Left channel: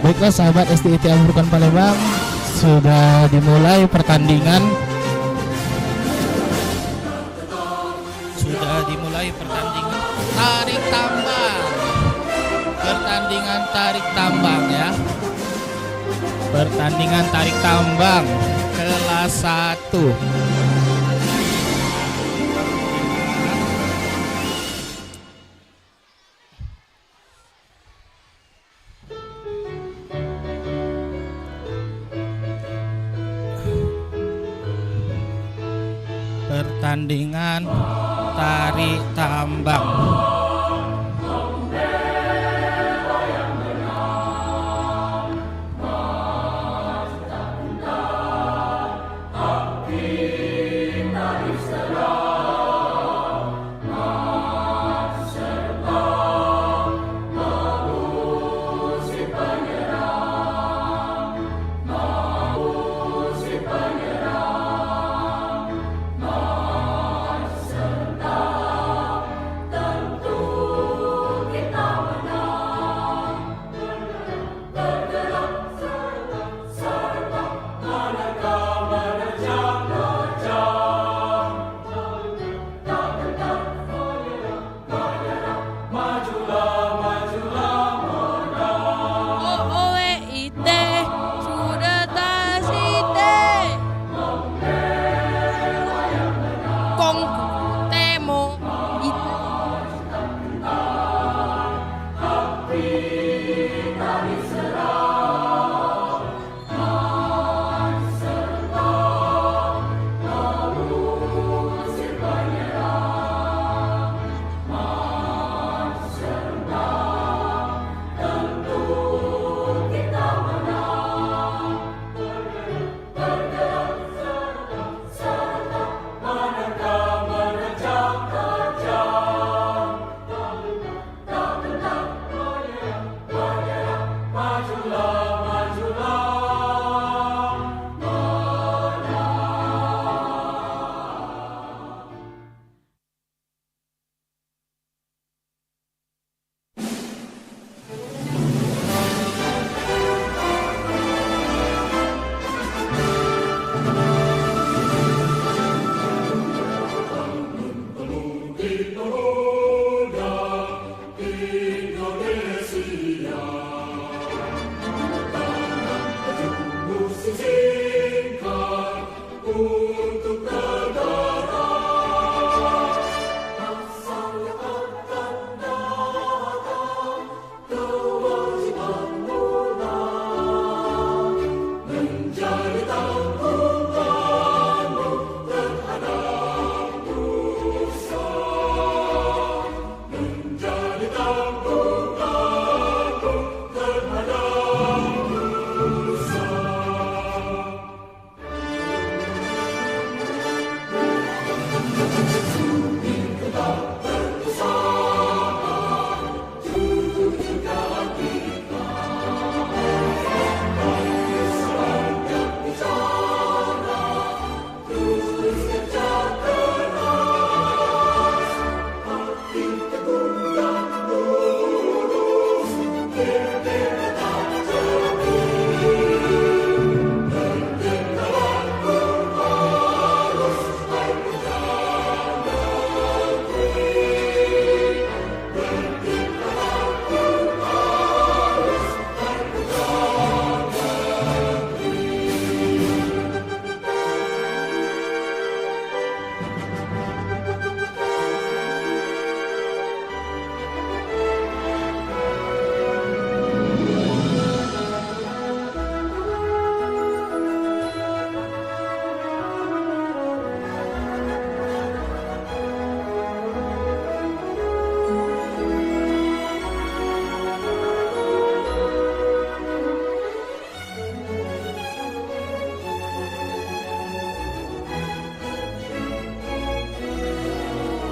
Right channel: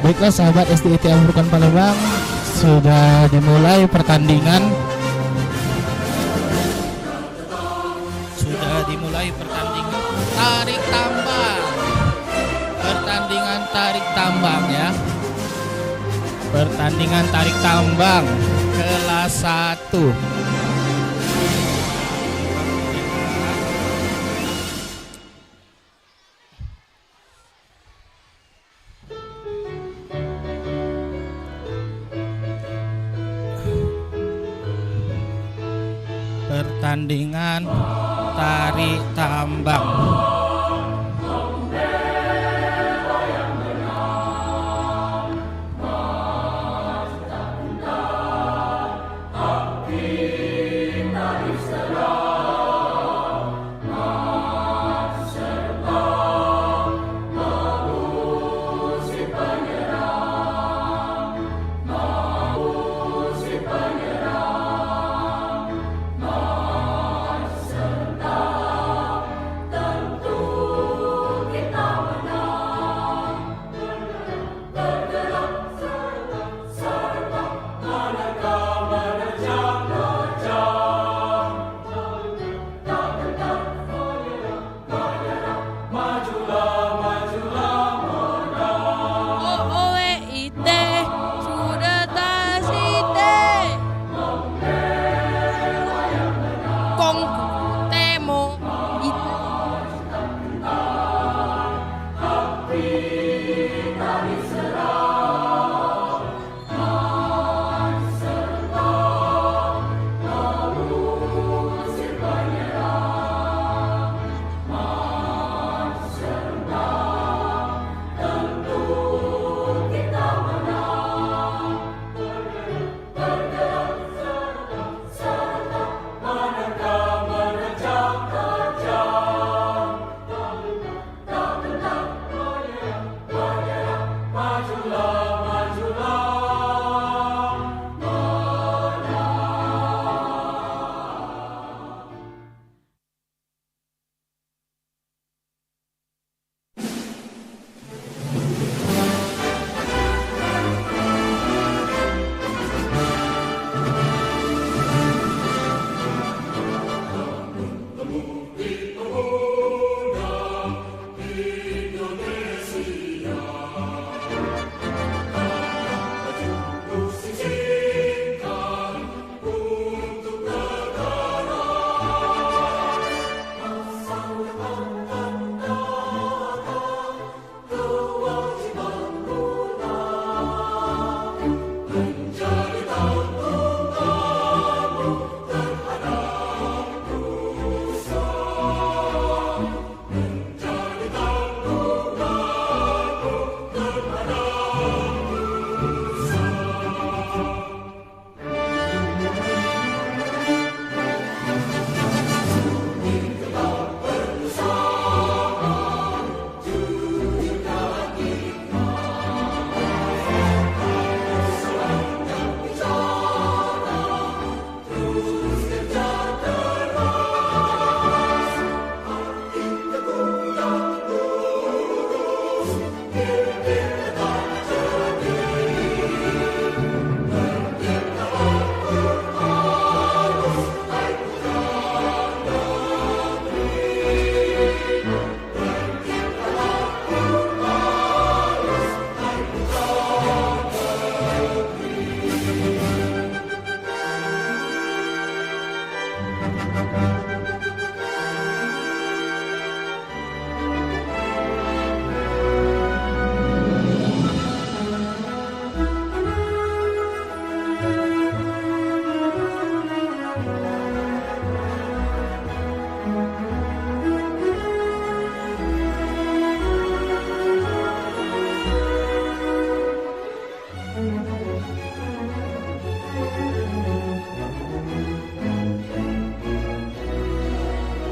Baiklah sahabat SDIT Amrukan Palembang, sudah dimulai pertandingan. Sudah dimulai pertandingan tarik tambang. Pertandingan tarik tambang ya. Pertandingan tarik tambang kelas 1. Pertandingan tarik tambang.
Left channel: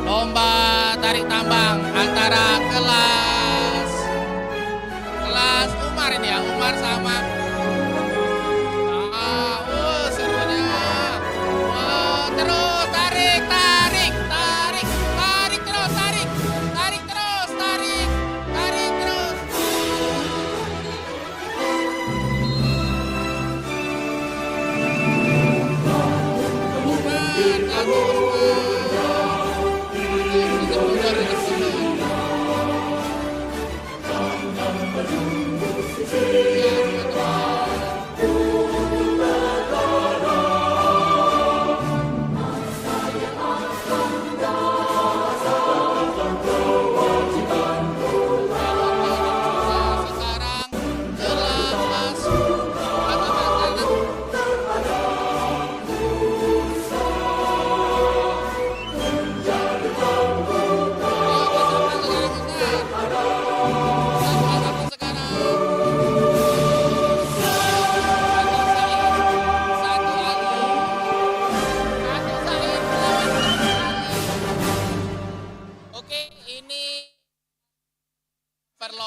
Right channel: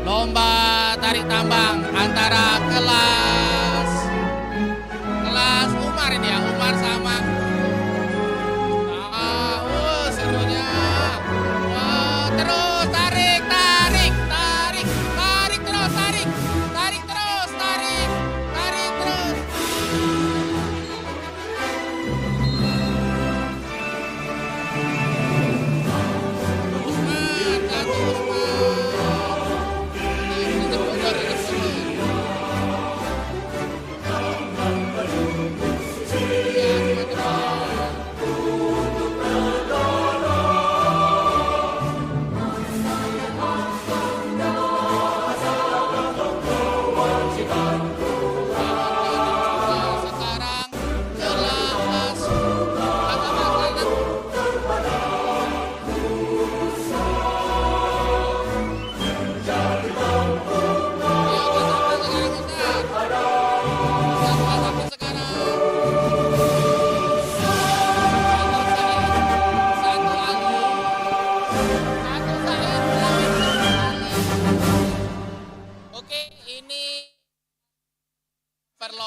Lomba tarik tambang antara kelas Umar ini ya, Umar sama serunya. Terus tarik terus, tarik terus.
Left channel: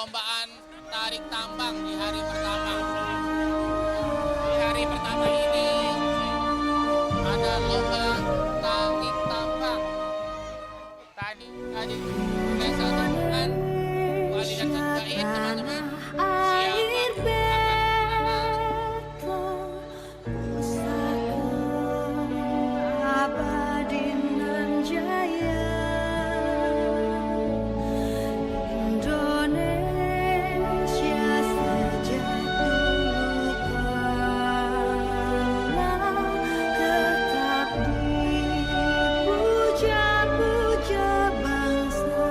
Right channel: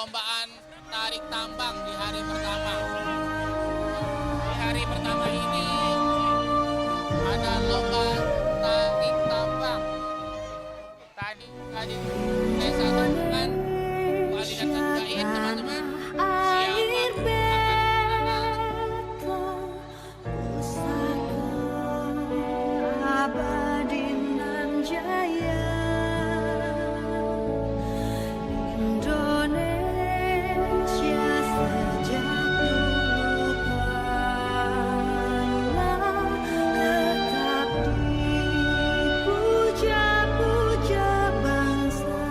perlombaan tarik tambang di hari pertama. Di hari pertama ini ada lomba tarik tambang. Tadi saya satukan Wali dan Gain teman-teman. Siapa abadi nan jaya Indonesia sejak dulu kala tetap dipuja-puja bangsa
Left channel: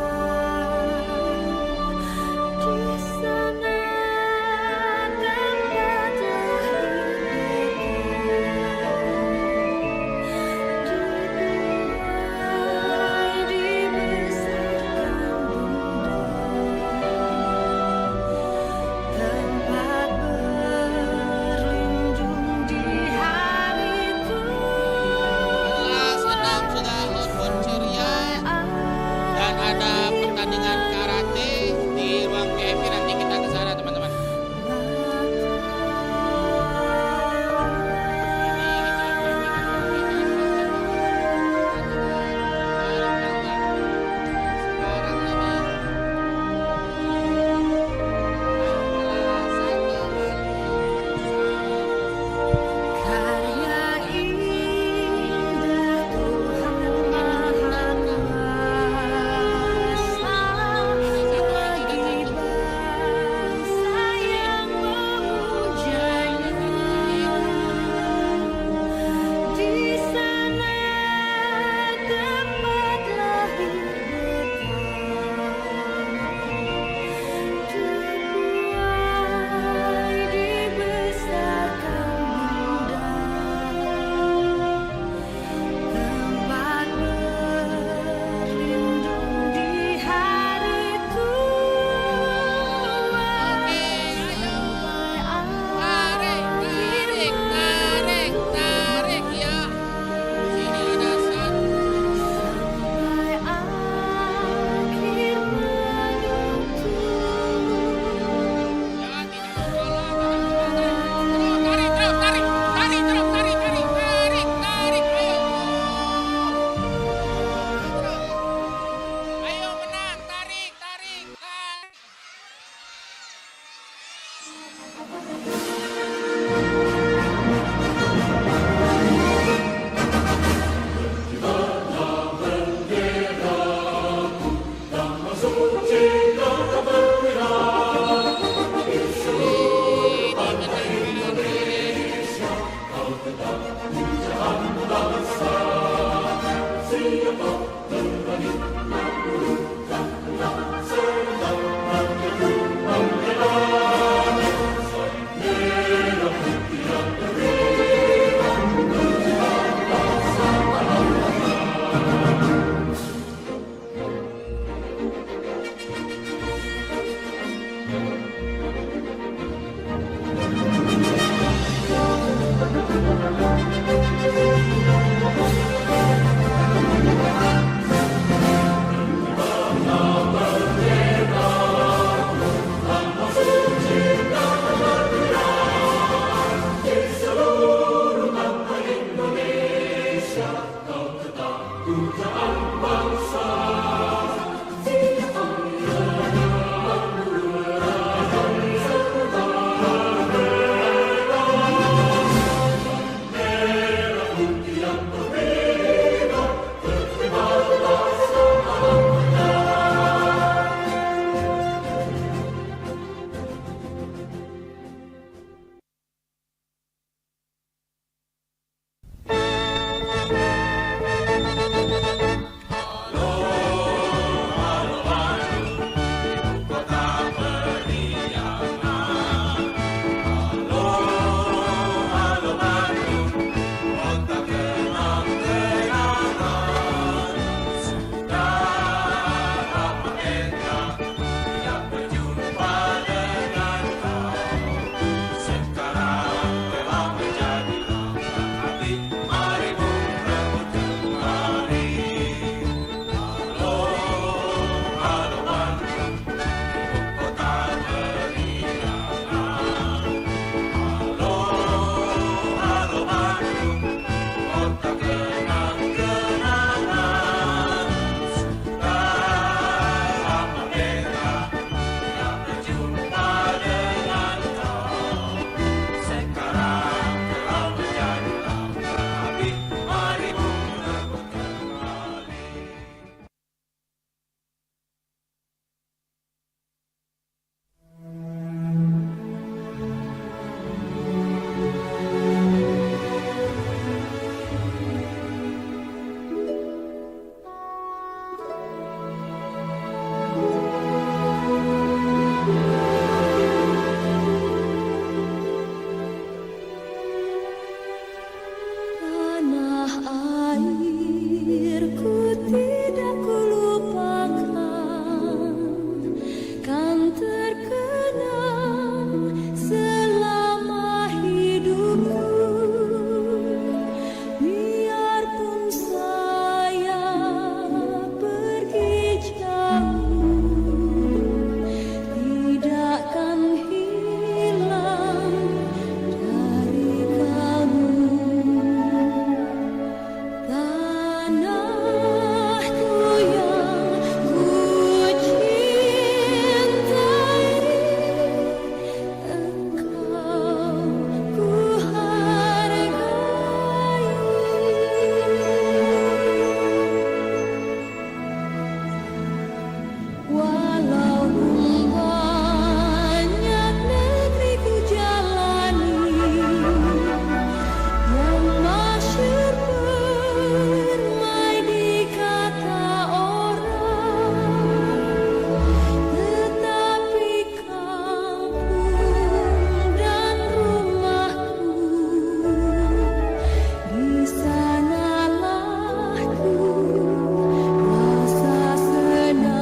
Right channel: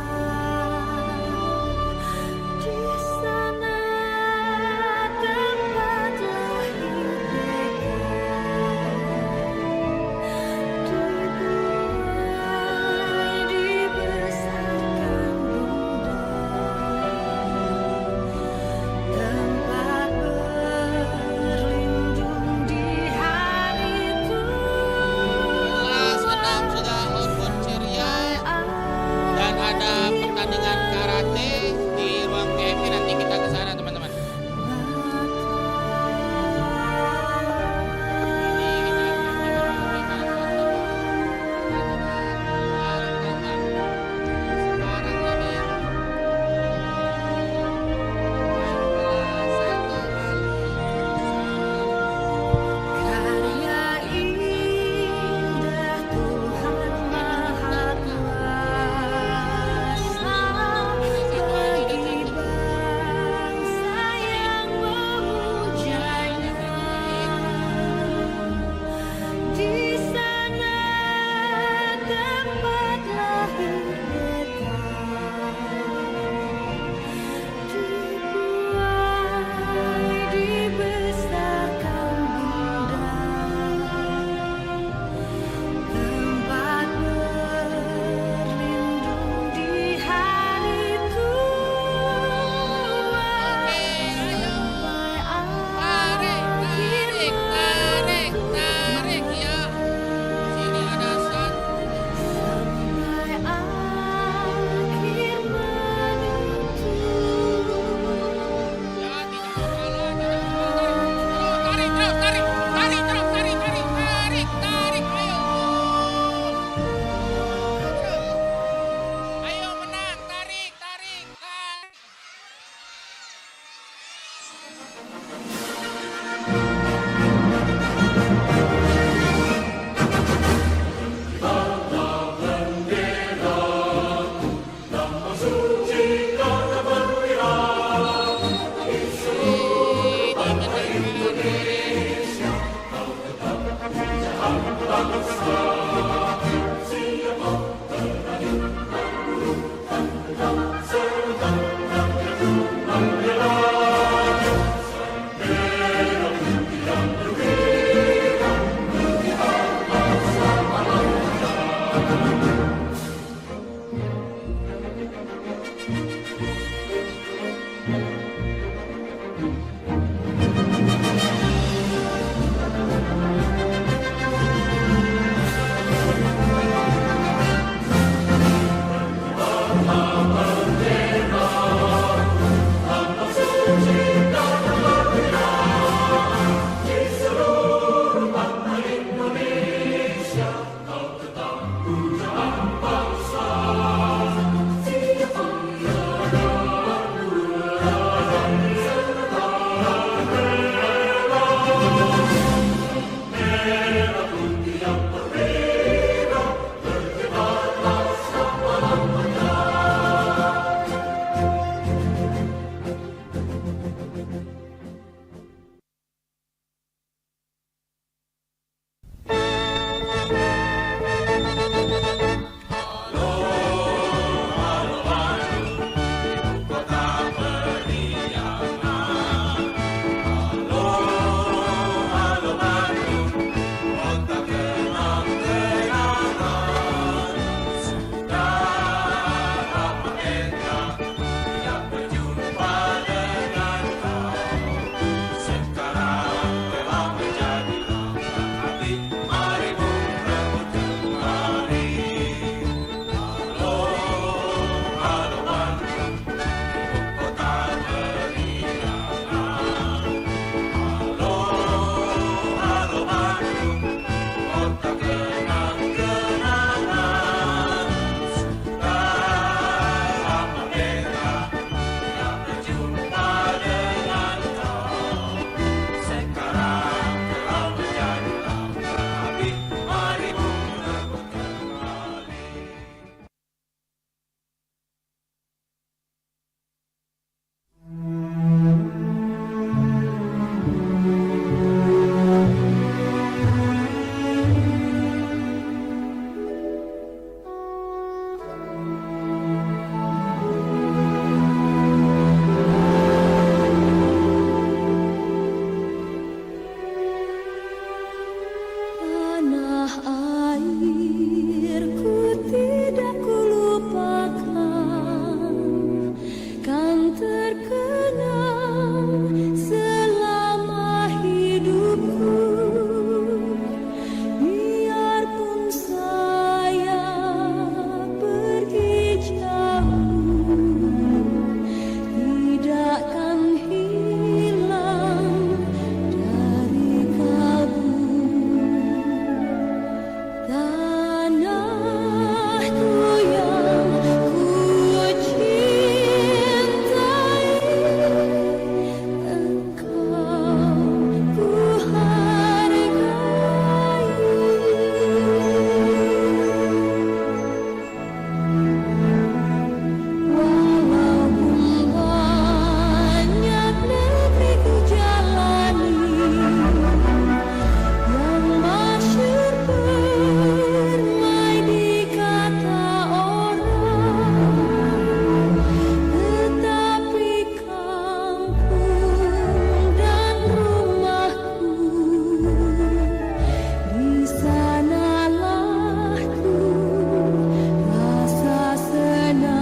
terkenang selama hidupku. Biarpun saya pergi jauh, tidakkan hilang dari kalbu. Tanahku yang ku cintai, engkau ku hargai. Walaupun banyak negeri ku jalani, yang masyhur permai di kata orang, tetapi kampung dan rumahku, di sanalah ku rasa senang.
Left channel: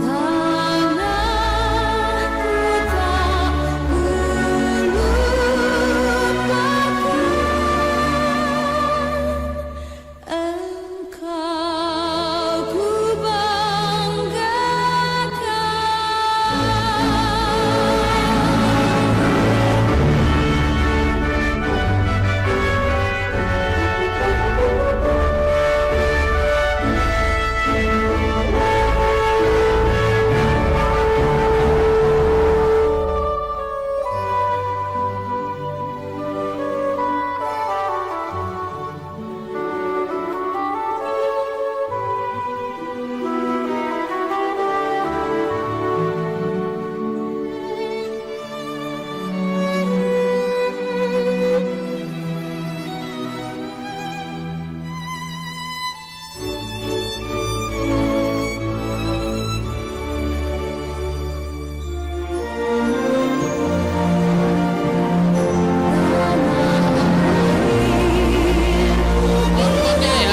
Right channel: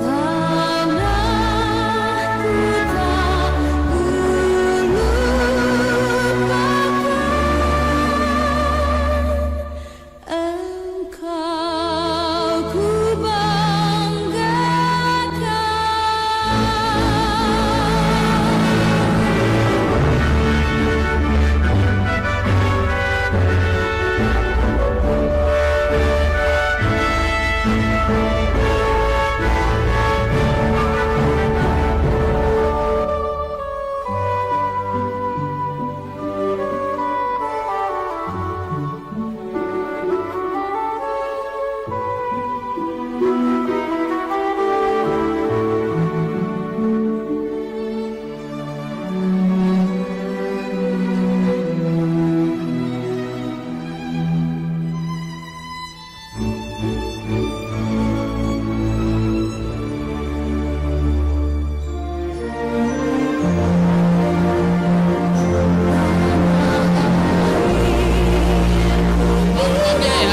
Tanahku tak ku lupakan, engkau ku Nontonnya ya.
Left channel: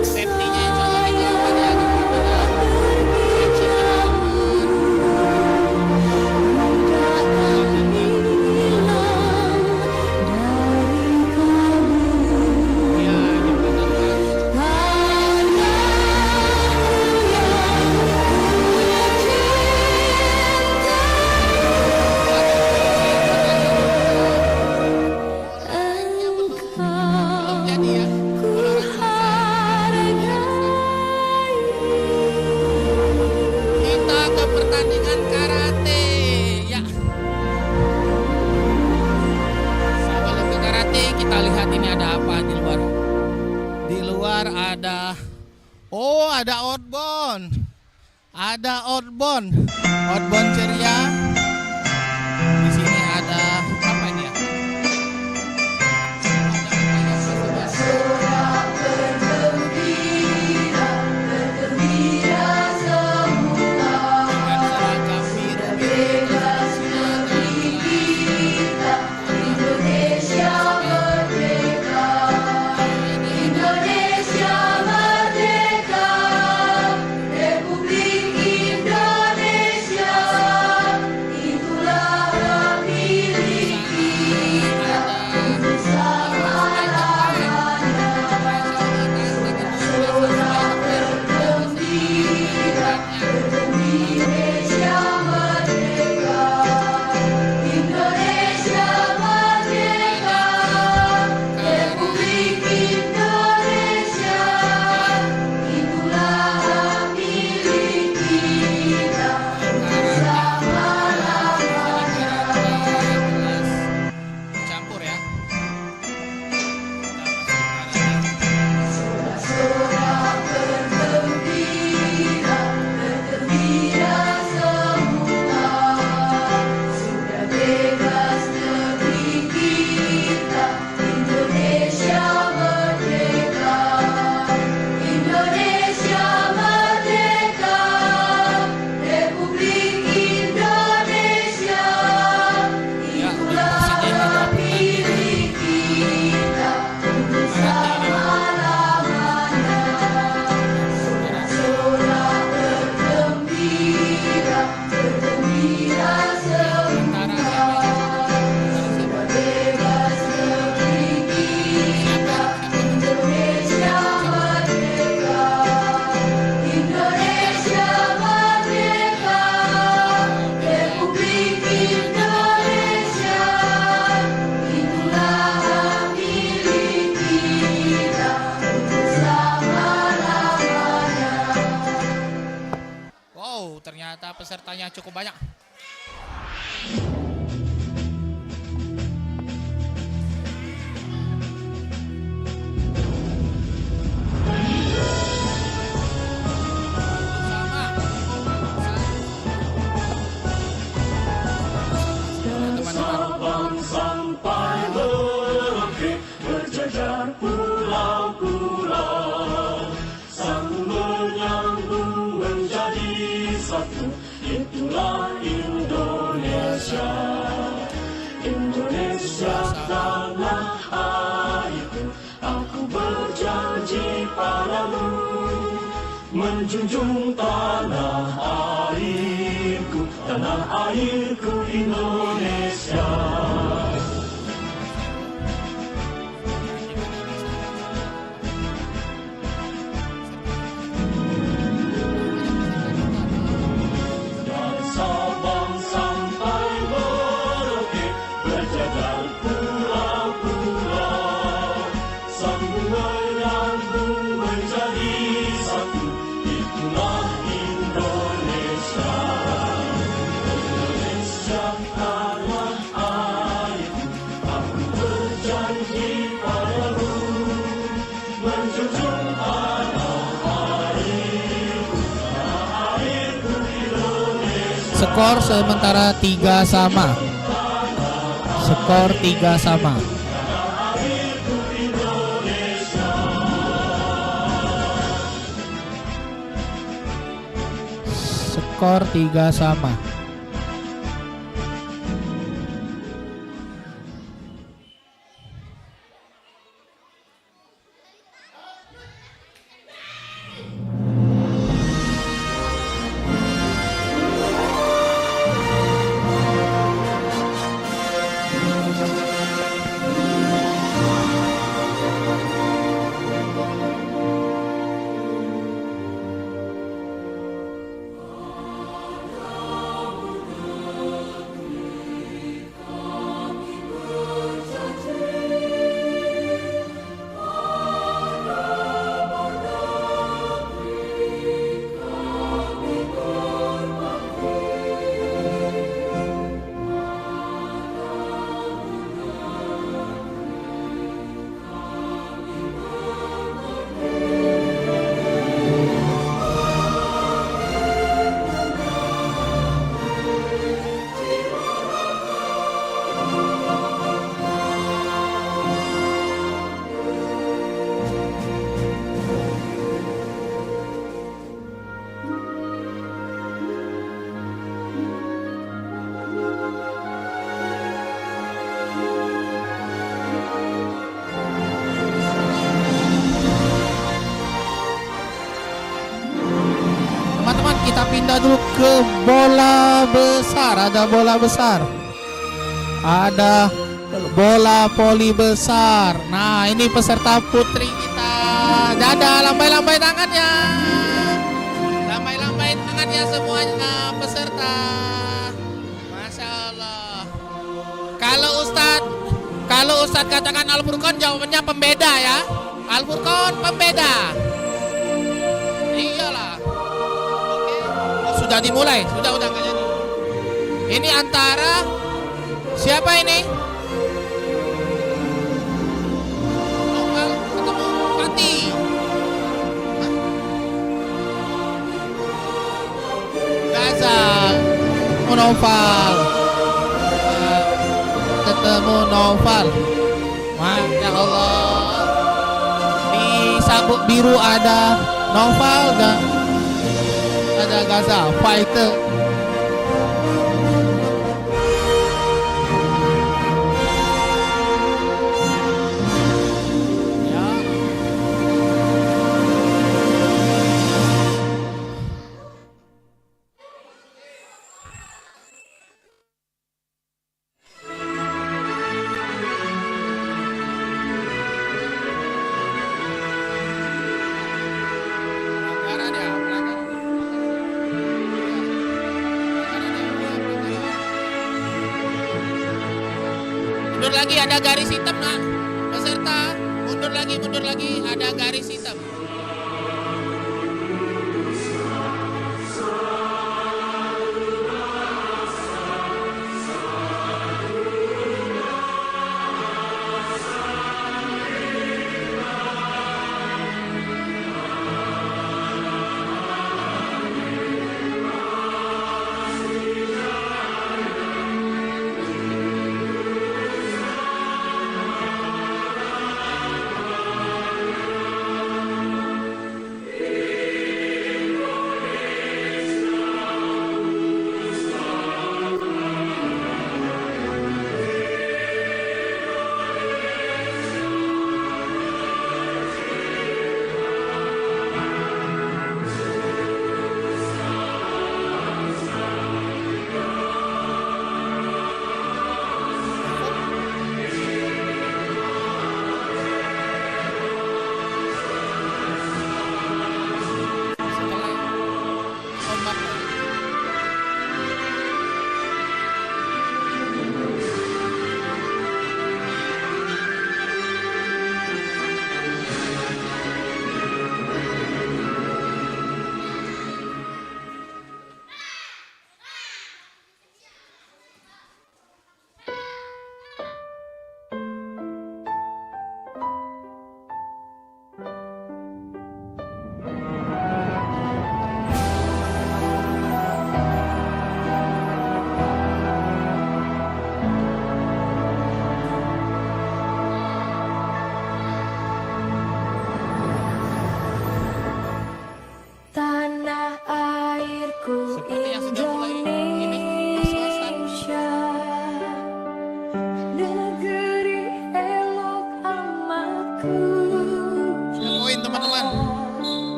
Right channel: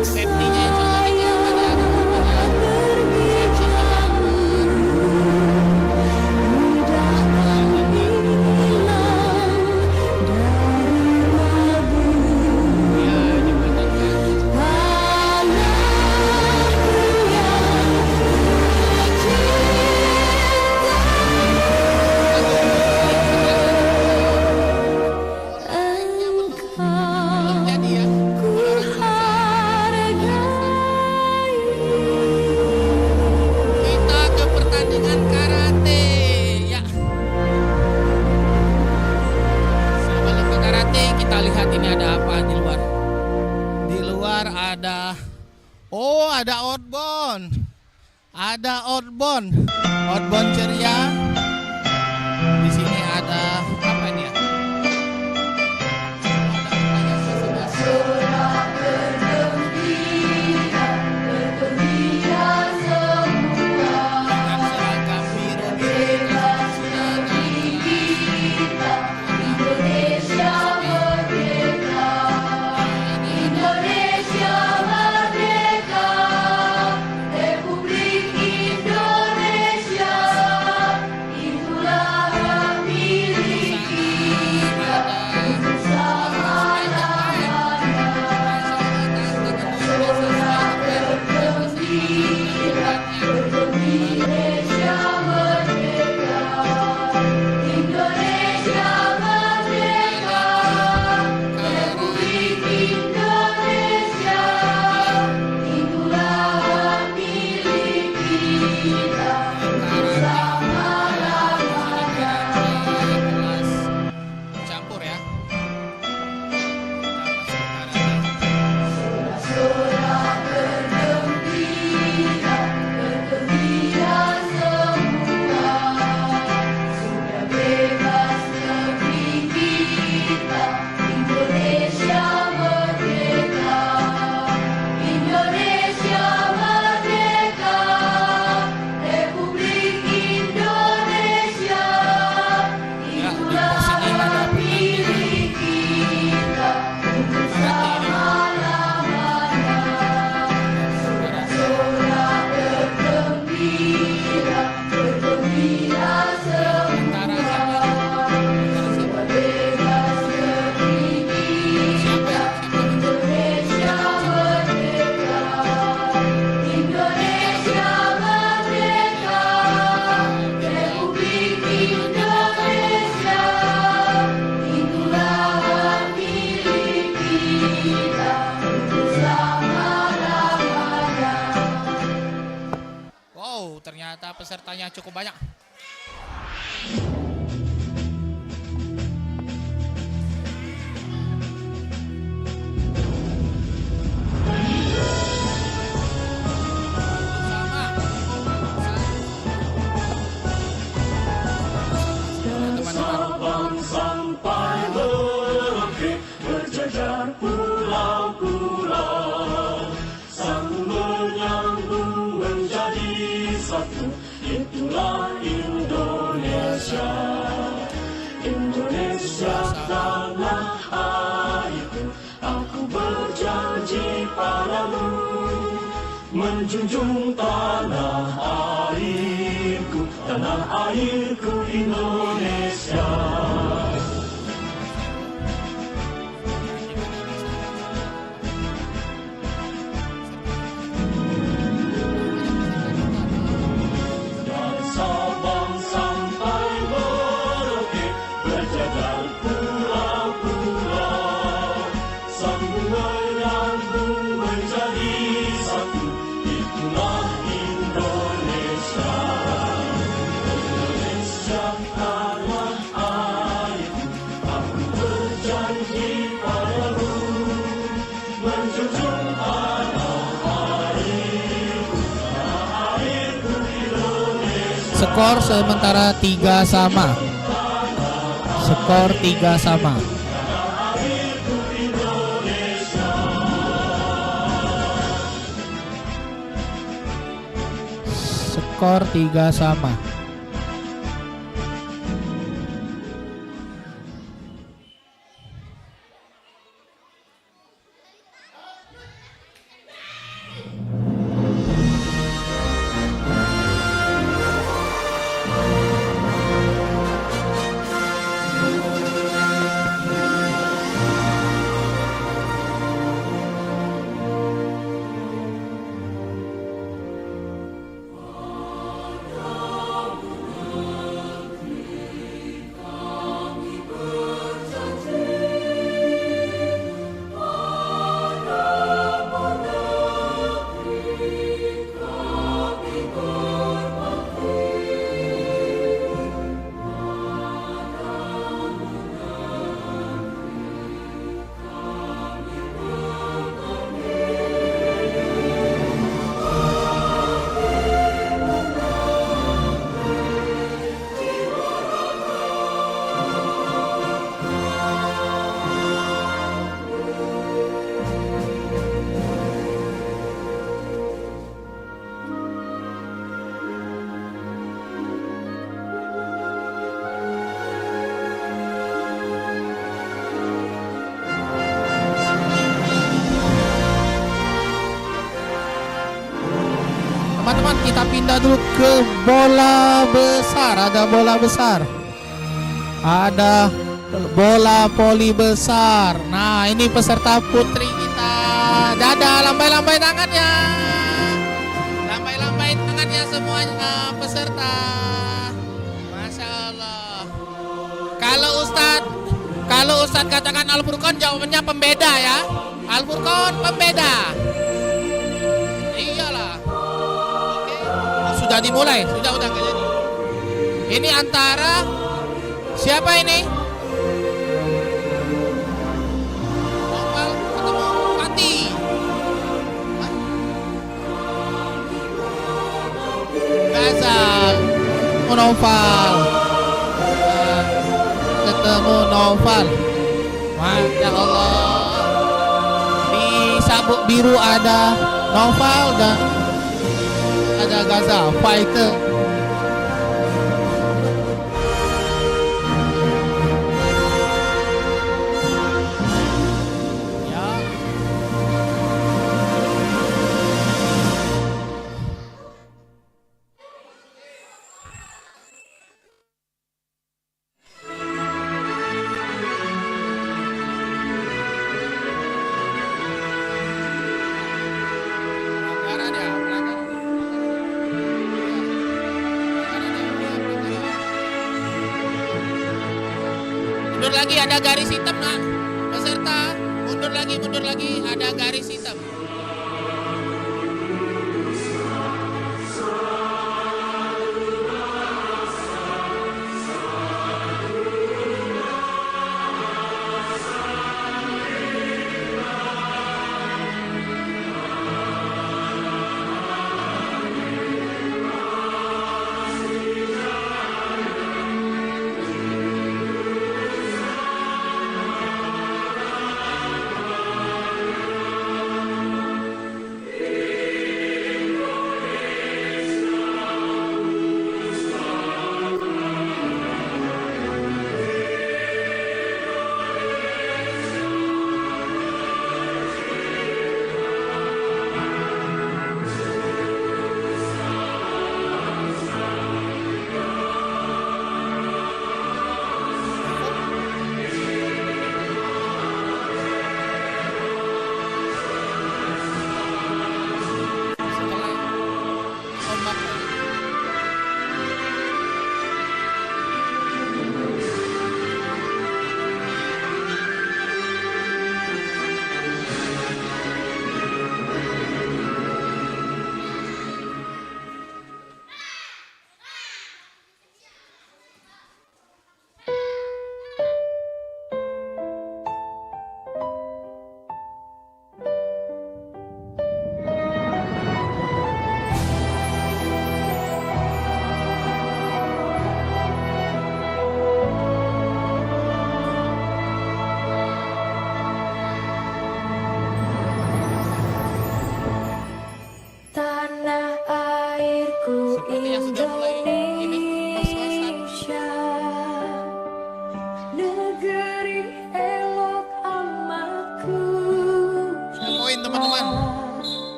Safety-nya insya Allah ini aman ya, teman-teman ya. Ya, jembatan gantung. Belum jadi ya. Kalau kita ke pertandingan karate ya. Sebelum ke karate, kita lihat ini ada apa di luar. Di luar ada ada outbound. Ada outbound. Outbound ceria. Di sini ada apa ini ya? Ada pertanyaan basa-basi. Dengan seragam biru-biru kasih sinar dan Indonesia merdeka. Ini Indonesia merdeka, Republik Indonesia. yang cukup banyak. Sabang sampai Merauke berjajar pulau-pulau, sambung menyambung menjadi satu, itulah Indonesia. Indonesia tanah airku, aku berjanji padamu, menjunjung tanah airku Indonesia. Dari Sabang sampai Merauke berjajar pulau-pulau, sambung menyambung menjadi satu, itulah Indonesia. Indonesia tanah airku, aku berjanji padamu, menjunjung tanah airku Indonesia. Skor sementara 3-3. Skor 3-3. Skor 3-3. Teman-teman, kita pindah dulu ke bola besar. Ada bola besar. Ada bola voli besar. Nah, ini peserta putri kita. Dadah, lambai-lambai tangannya. Lambai-lambai tangannya semuanya peserta. Masya Allah. Kalau Ustadz katakan Al-Furqan, jawabannya pembeda ya. Al-Furqan pembeda. Iyalah. Oke. Oh, sudah dimulai. Sudah nggak jadi. Ini antara siapa ini? Novel ketemu Kati. Hah? Gazal Noval. Ketemu Noval. Masya Allah. Di sabuk biru ada Noval dan ada Gazal fighter. Mundur lagi, ada garis hitam nah. Peserta mundur lagi, ada garis hitam.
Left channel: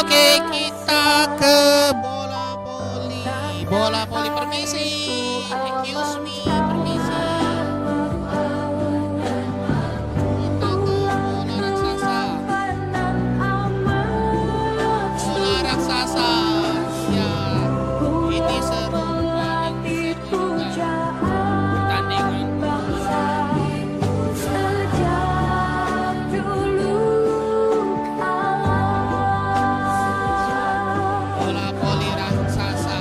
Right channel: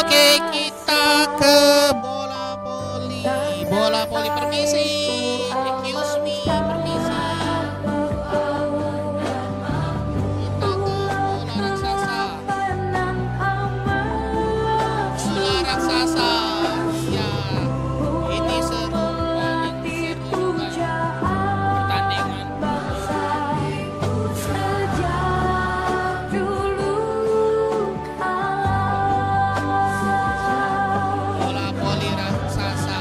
Oke, kita ke bola poli. Bola poli, permisi. Excuse me, permisi. Kita ke bola raksasa. Bola raksasa. Ya, ini seru, paling seru juga pertandingan. Sejak dulu kala. Bola poli raksasa.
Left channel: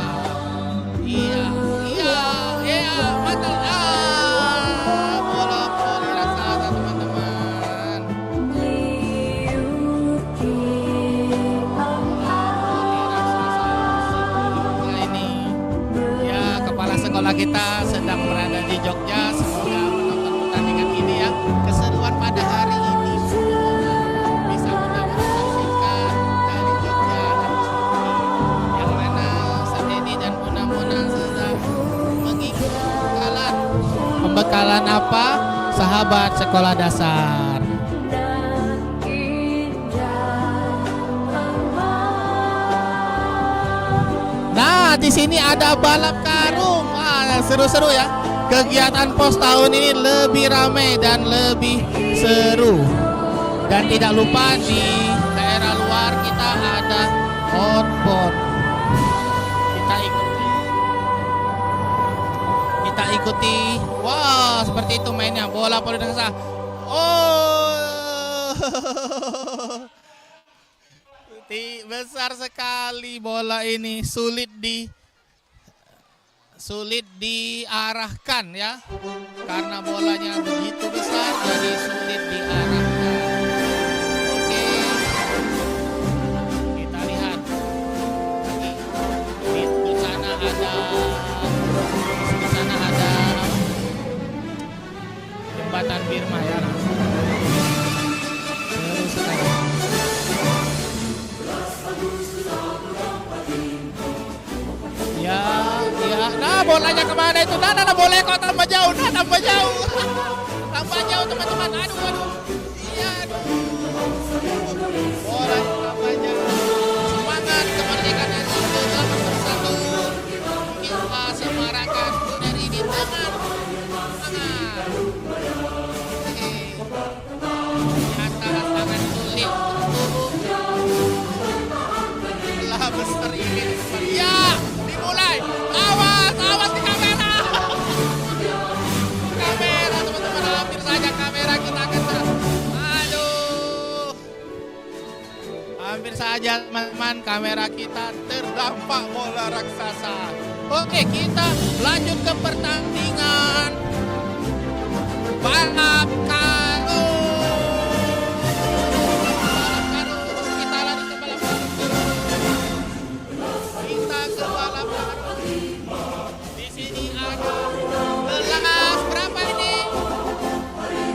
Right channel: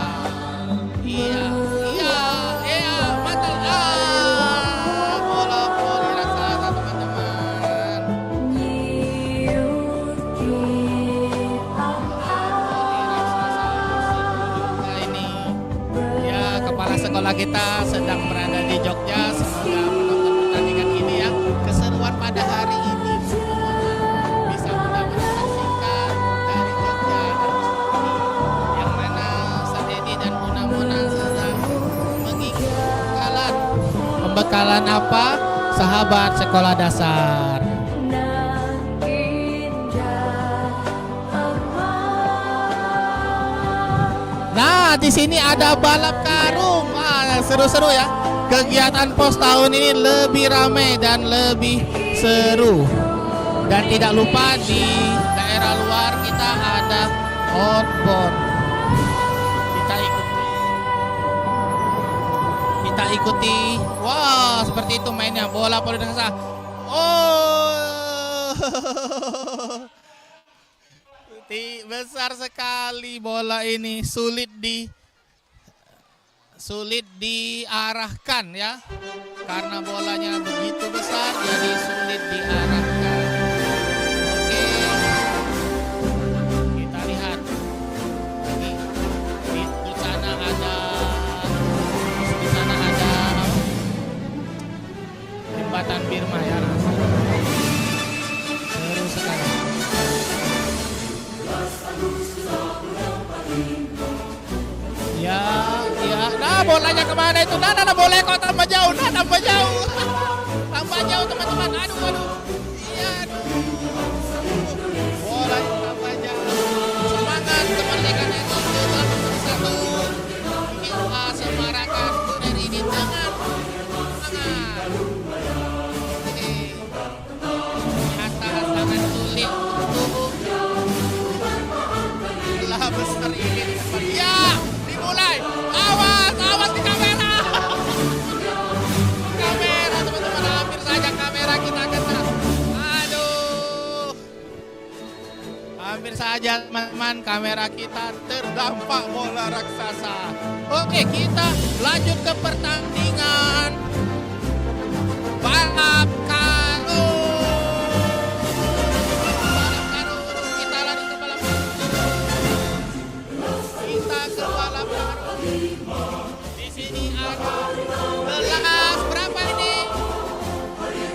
Iya, iya, iya, mantul. Bola poli raksasa, teman-teman. Nyiut di Bola poli raksasa seru juga ini. Ya, kepala sekolah kita sedang berada di Jogja. Semoga menonton pertandingan ini ya. Keseruan pada hari ini. Semoga bisa benar-benar saksikan dari Jogja dan di sini. Yang mana Ustaz Edi dan Bunda Mona sedang mengikuti pembekalan apa? Sahabat sekolah dasar. nan indah emas. Nah, di sini ada balap karung. Wah, seru-seru ya. Kegiatan POS tahun ini lebih ramai dan lebih seru. Dan tidak lupa di daerah luar kita ada outbound. Kita ikuti. Wah, seperti itu mainnya bola poli raksasa. Oh. Besar sekali bola ini, sulit diarahkan ya, karena bolanya begitu besar jadi sulit diarahkan. Oke, kita lihat lagi di sana ada apa? Jembatan Birma ya, nah. Seru sekali. Ya, ya. Nah, bolanya kemana itu? Nah, bolanya kok tambah jauh. Nah, tambah jauh. Tambah jauh, teman-teman. Aduh. Iya, aduh. Bola tambah jauh. Semangat kemerdekaan RI ke-81. Kita semarakan dari ini dengan semangat. Oke. Ternyata sangat sulit untuk bola besar ini. Ya, dimulai. Awas di kamera. Kamera, teman-teman, hampir saja kamera kita kena. Aduh. Hampir saja, teman-teman, kamera kita terdampak bola raksasa. Oke, kita lanjut ke pertandingan balap karung. Balap karung. Kita lari ke balap karung. Kita ke balap karung. Di sini ada kelas berapa ini?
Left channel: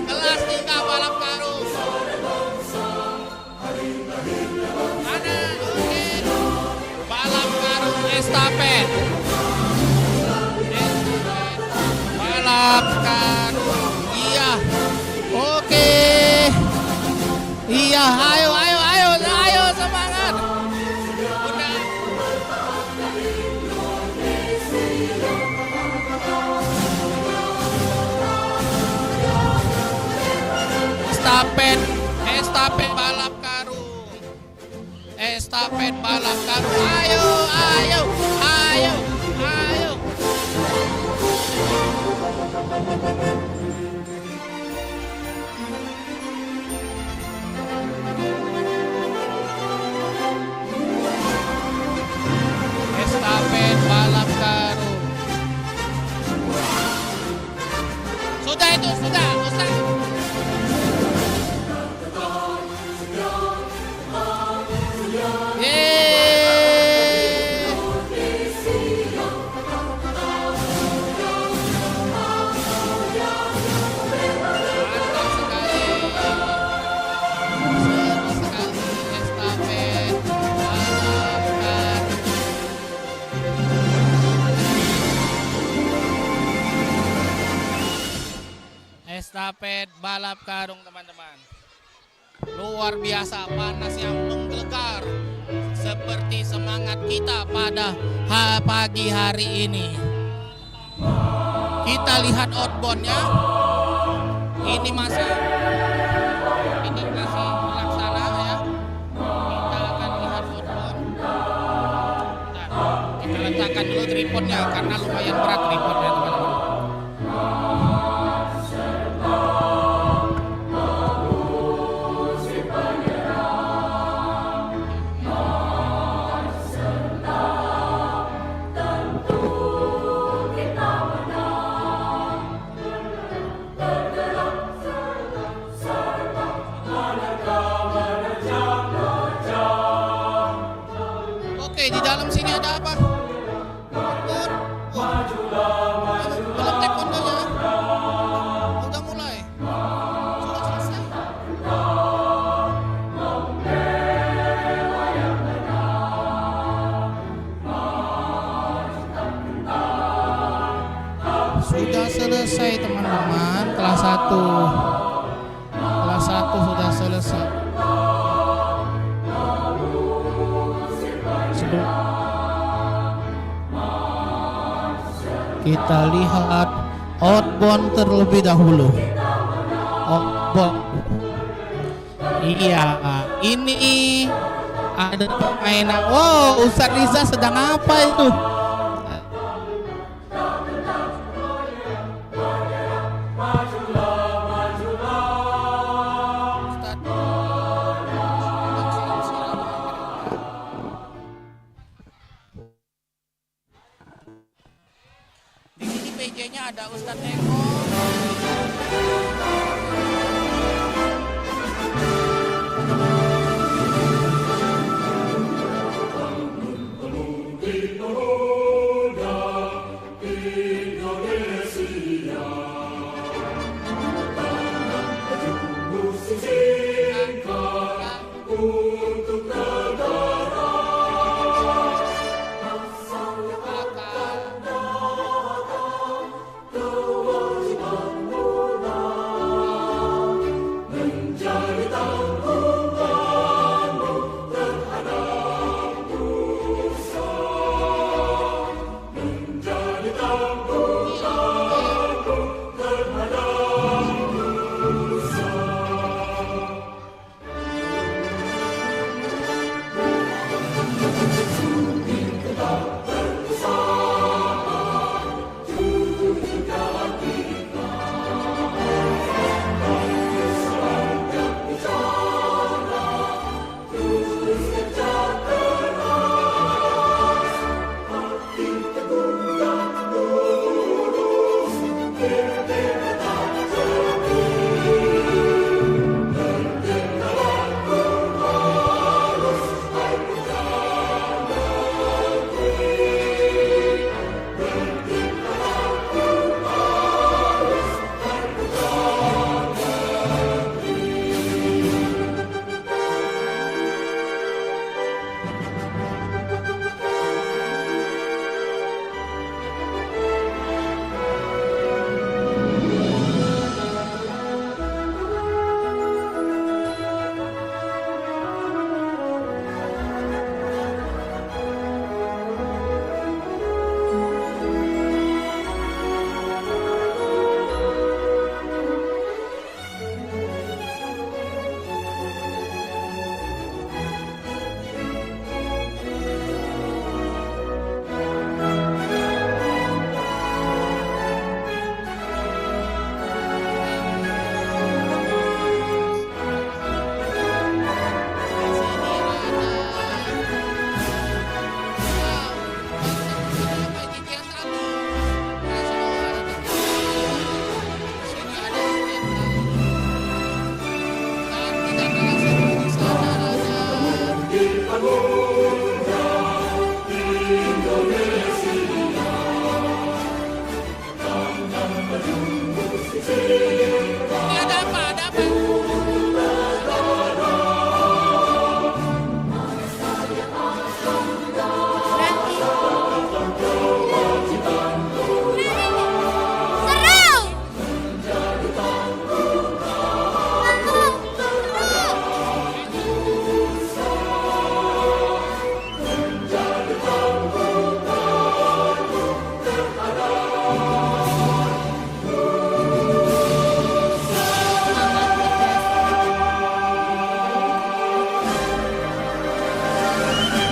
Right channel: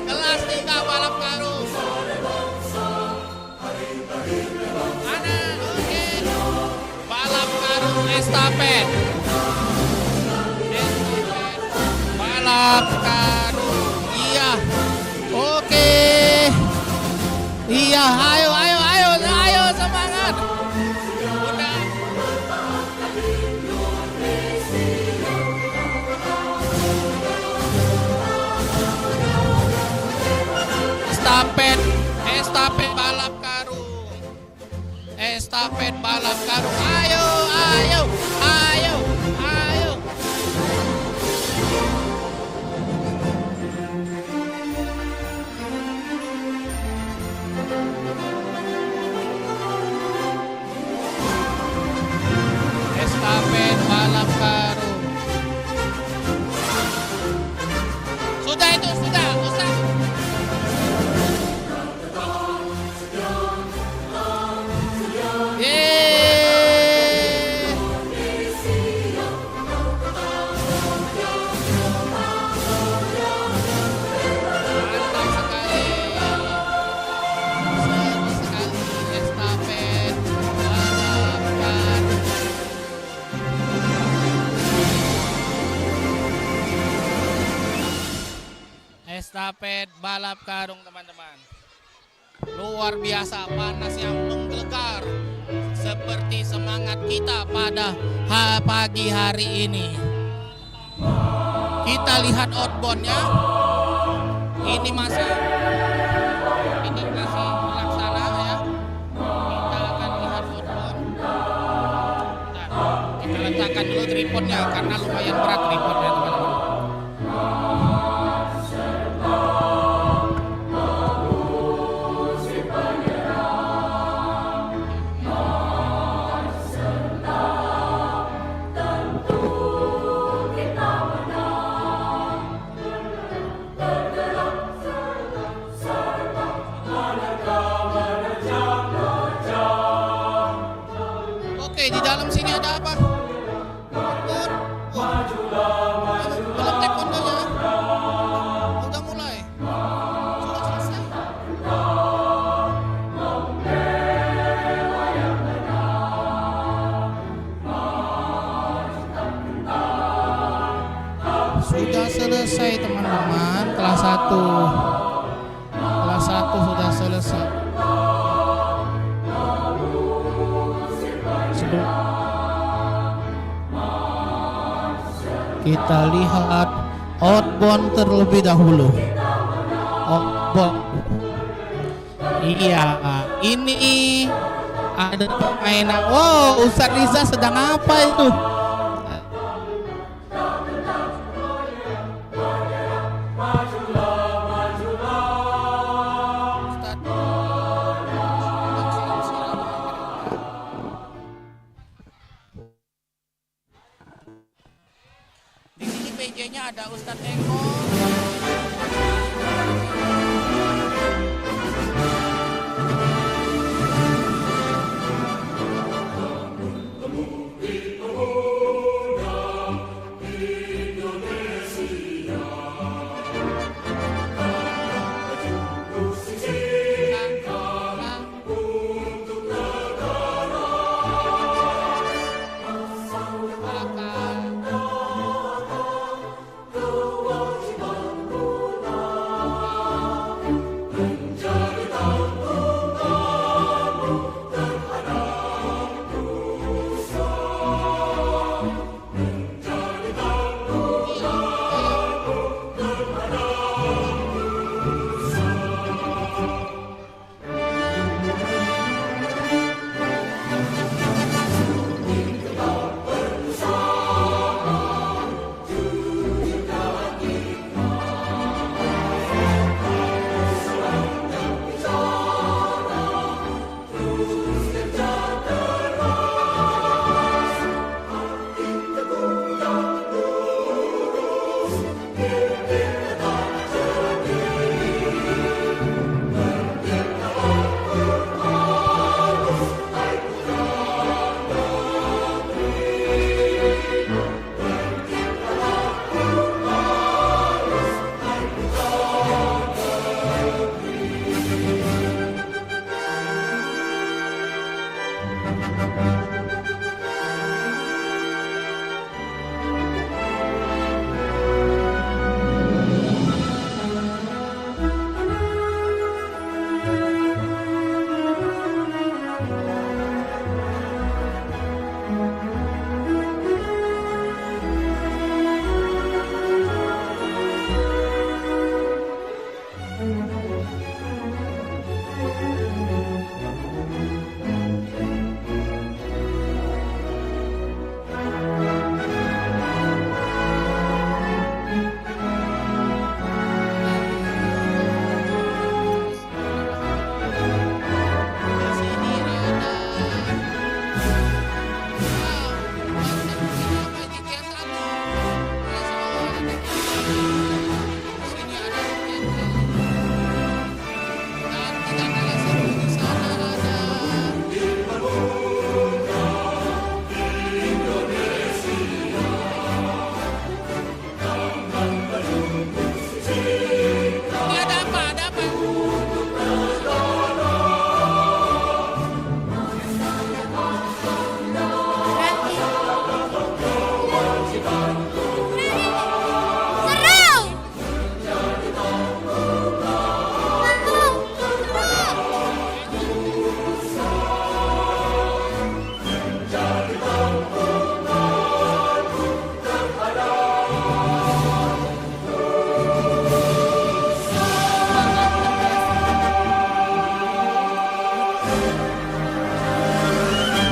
Kelas 3 balap karung. Ada, oke. Balap karung estafet. Balap karung. Iya. Oke. Iya, ayo semangat. Udah. Estafet balap karung. Estafet balap karung. Ayo. Estafet balap karung. Sudah itu, sudah. Yeay. Mantap sekali. Seru sekali estafet balap karung. Estafet balap karung, teman-teman. Luar biasa, panas yang menggelegar. seperti semangat kita pada pagi hari ini. Kita lihat outbound-nya. Ini masih laksana ya. Kita akan lihat outbound. Nah, kita letakkan dulu tripodnya karena lumayan berat tripodnya teman-teman. Oke, di dalam sini ada apa? Belum taekwondonya. Udah mulai. Sudah selesai. Sudah selesai teman-teman, kelas 1. Kelas 1 sudah selesai. Kita lihat outbound terlebih dahulu. Outbound. Iya, ini ada permainan. Wow, Ustadz Riza sedang apa itu? Di sini PJ-nya ada Ustadz Eko.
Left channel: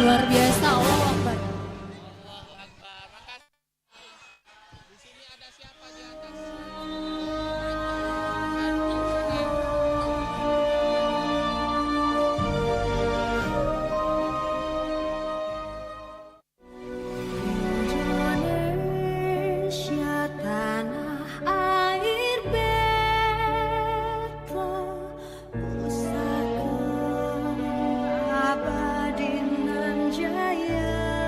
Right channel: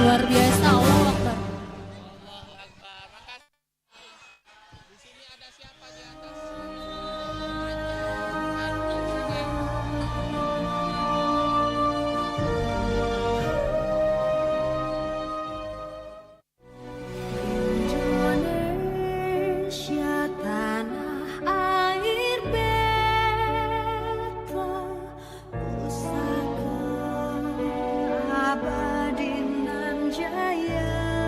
Luar biasa, Allahu Akbar. Allahu Akbar. Makasih. Di sini ada siapa di atas? Indonesia tanah air beta, pusaka abadi nan jaya.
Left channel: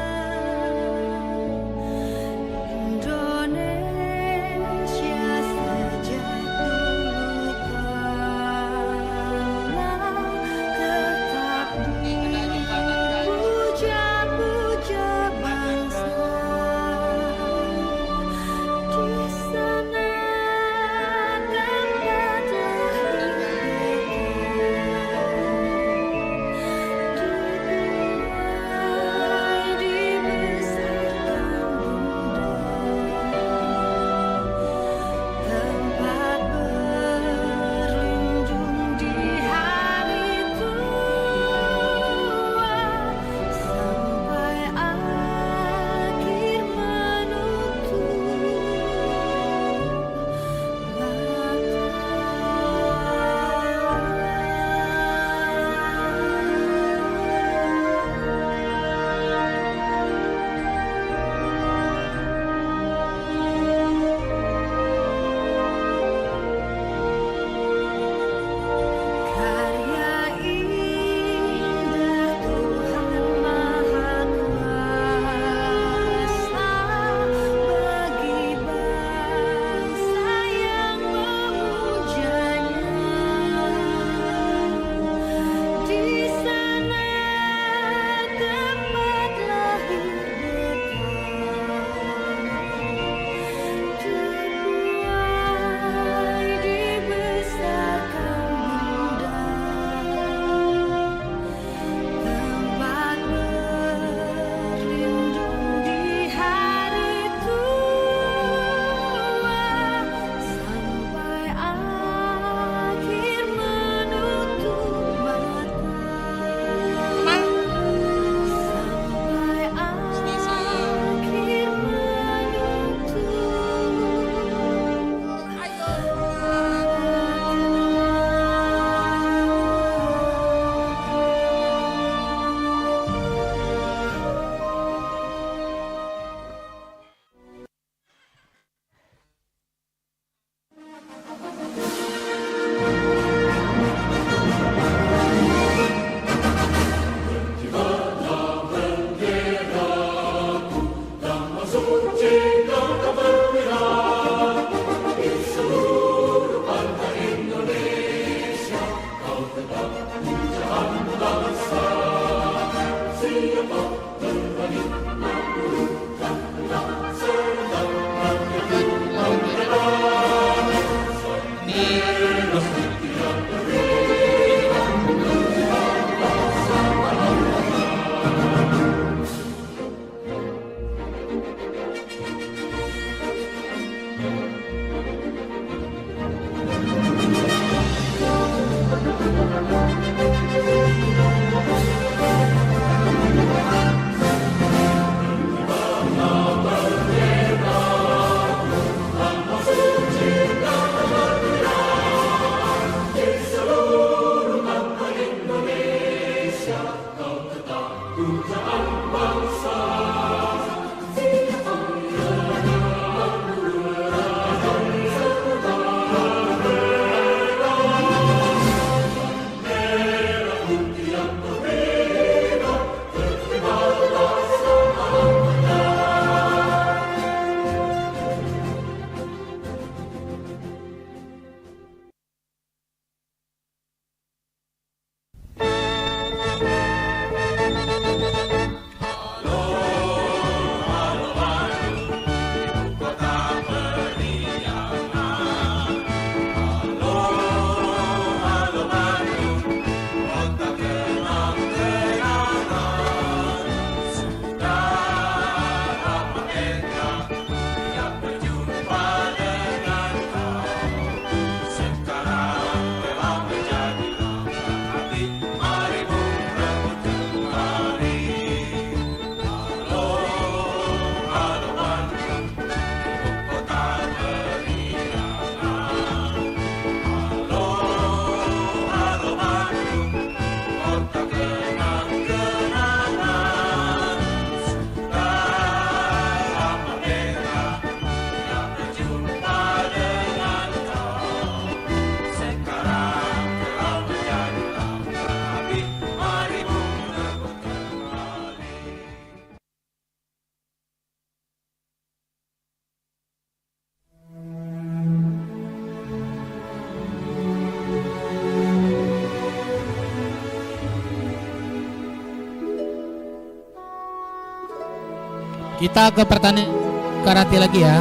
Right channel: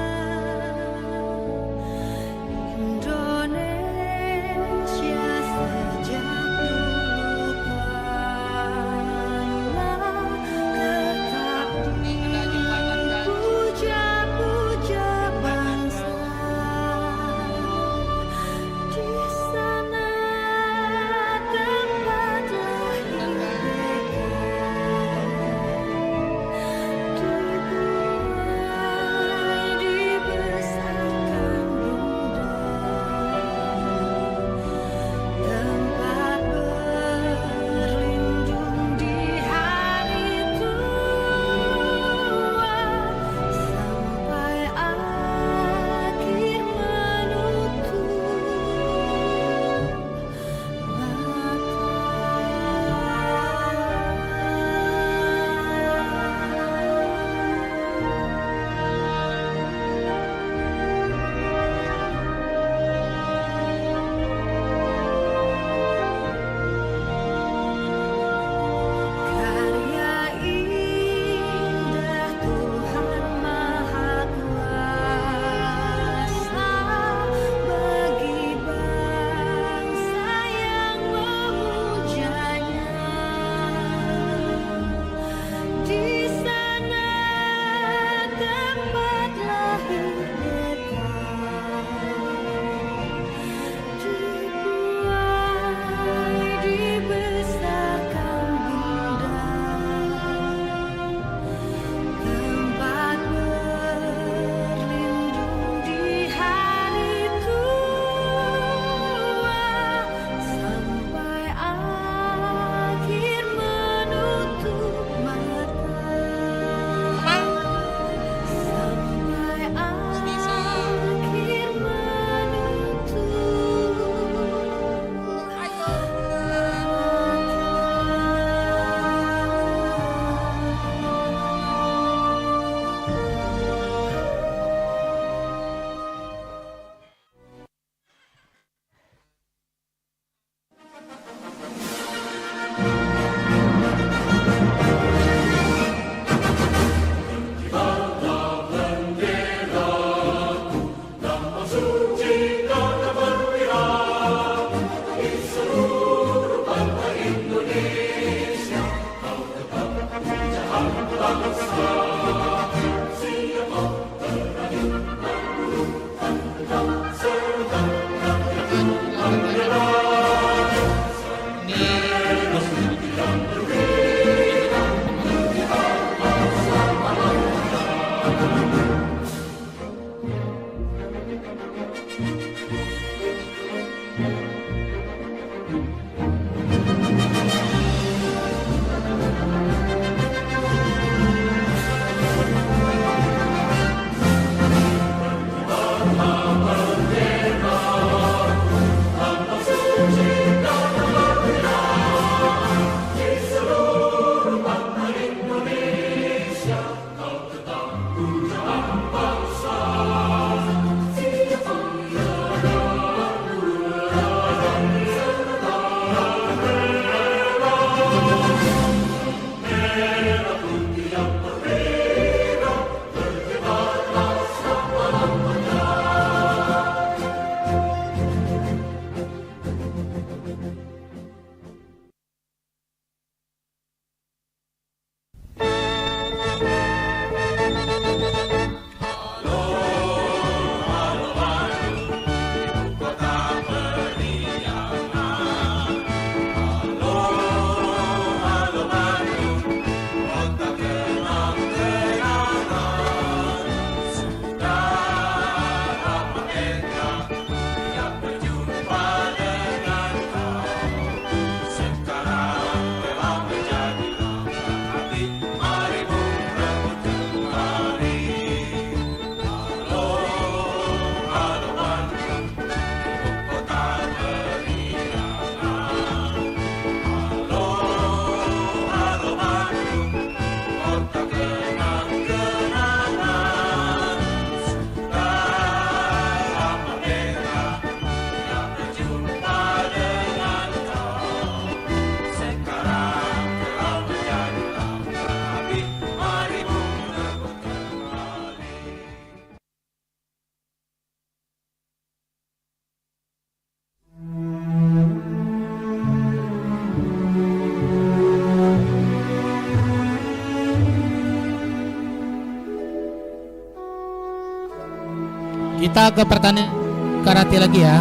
Kita ke pertandingan karate lagi ya.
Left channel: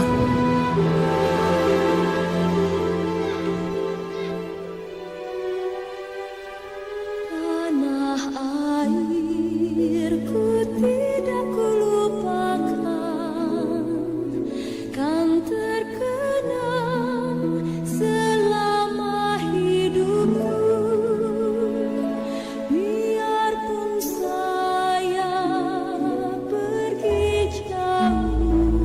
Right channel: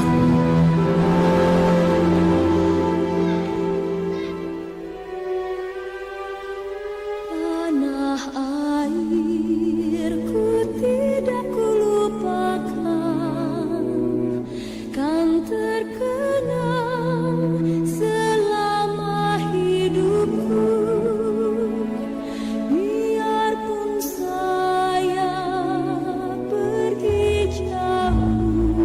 Tanah airku tidak kulupakan, kan terkenang selama hidupku. Biarpun saya pergi jauh,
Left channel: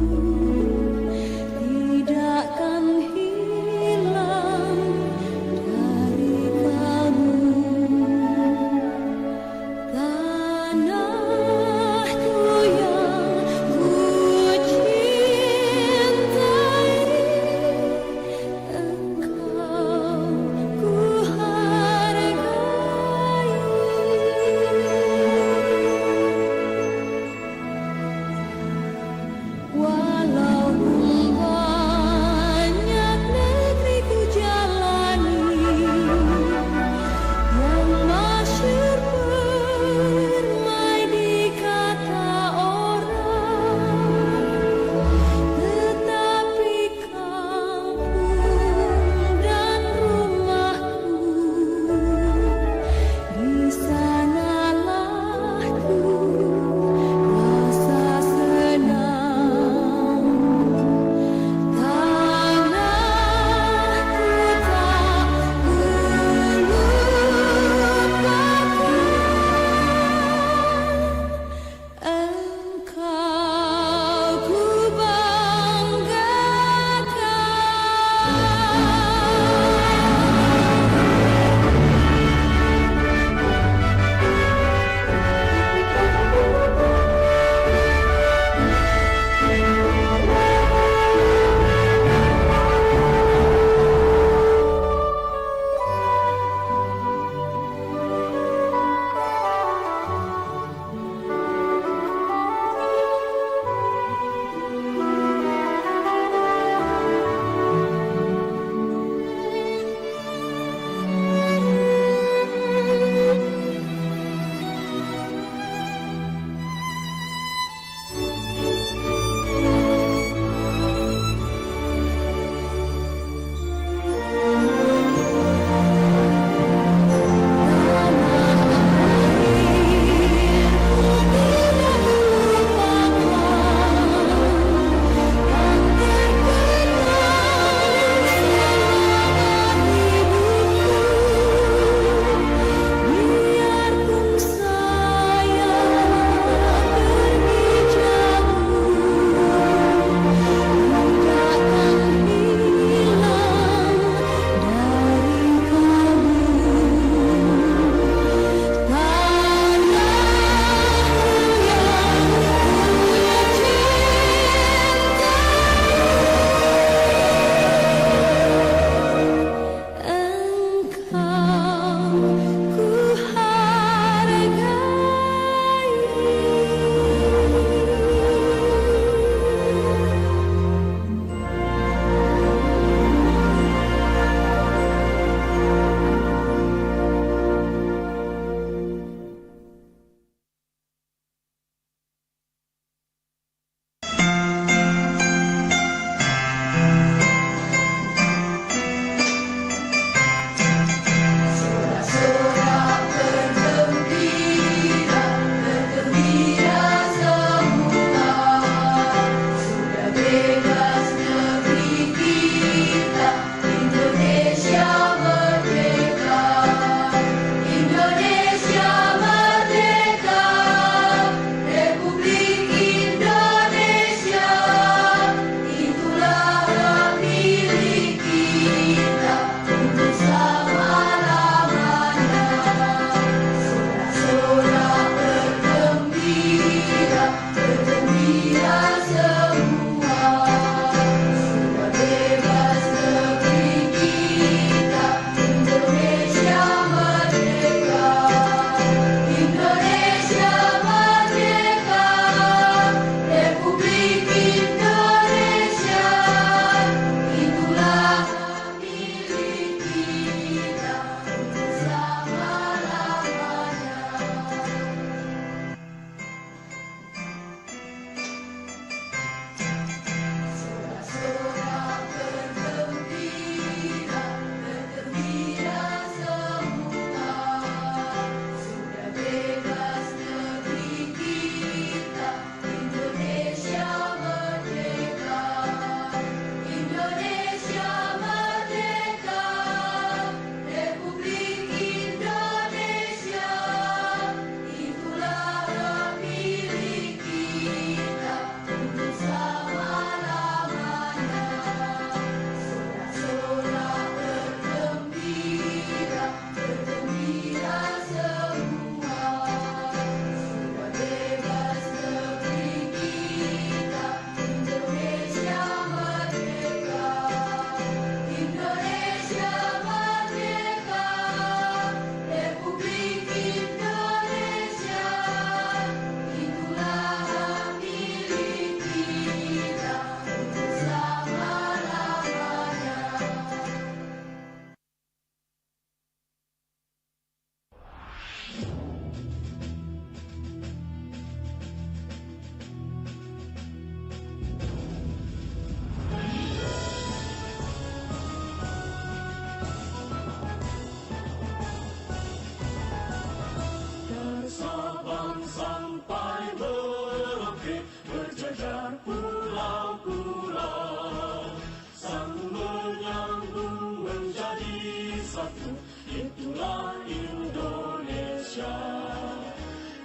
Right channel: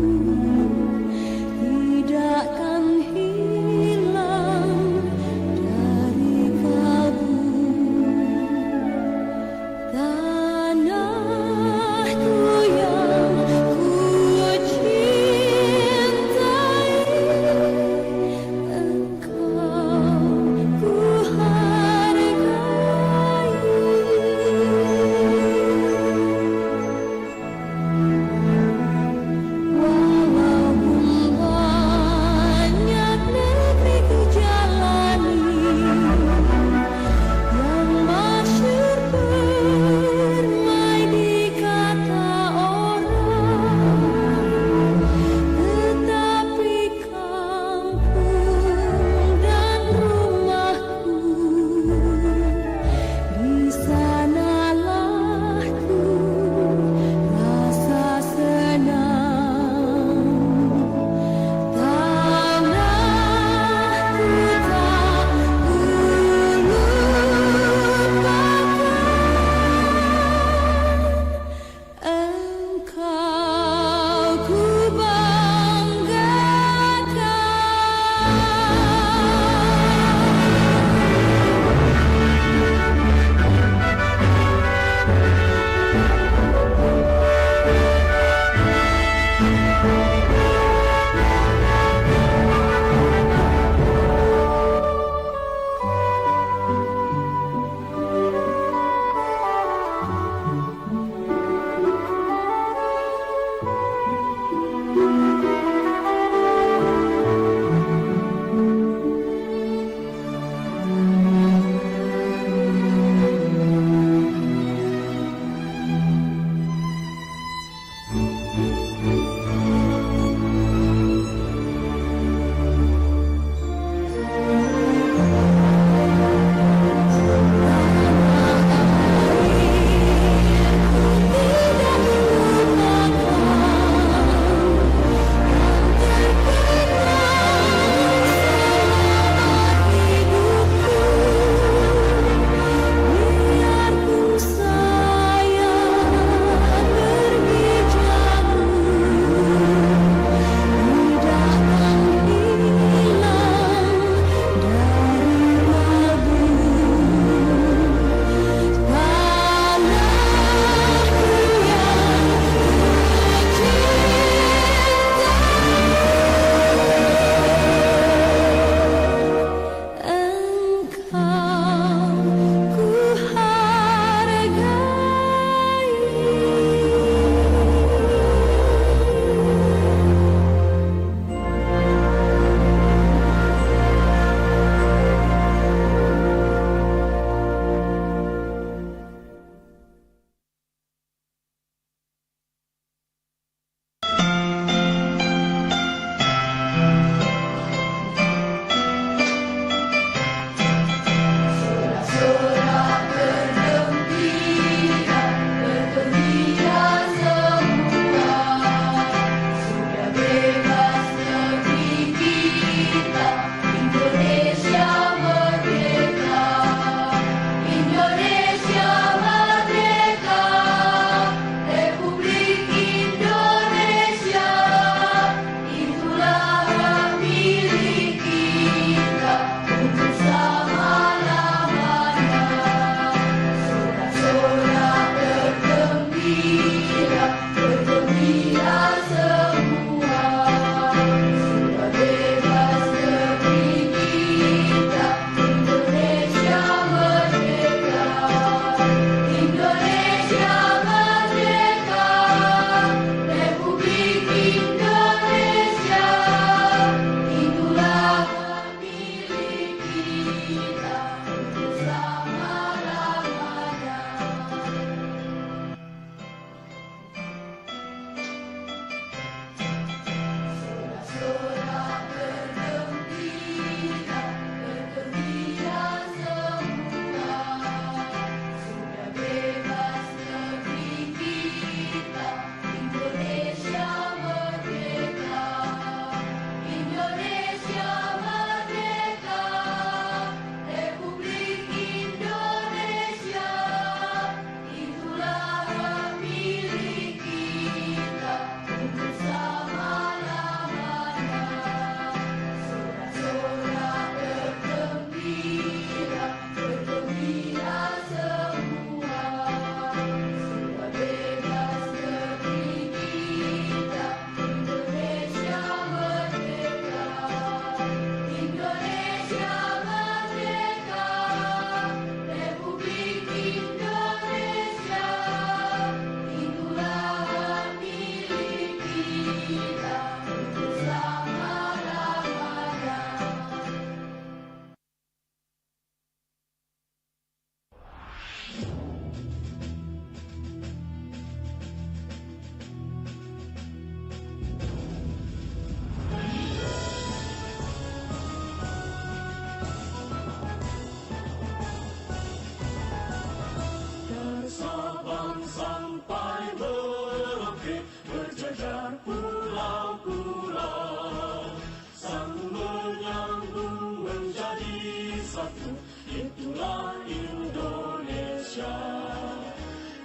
airku, itulah Indonesia.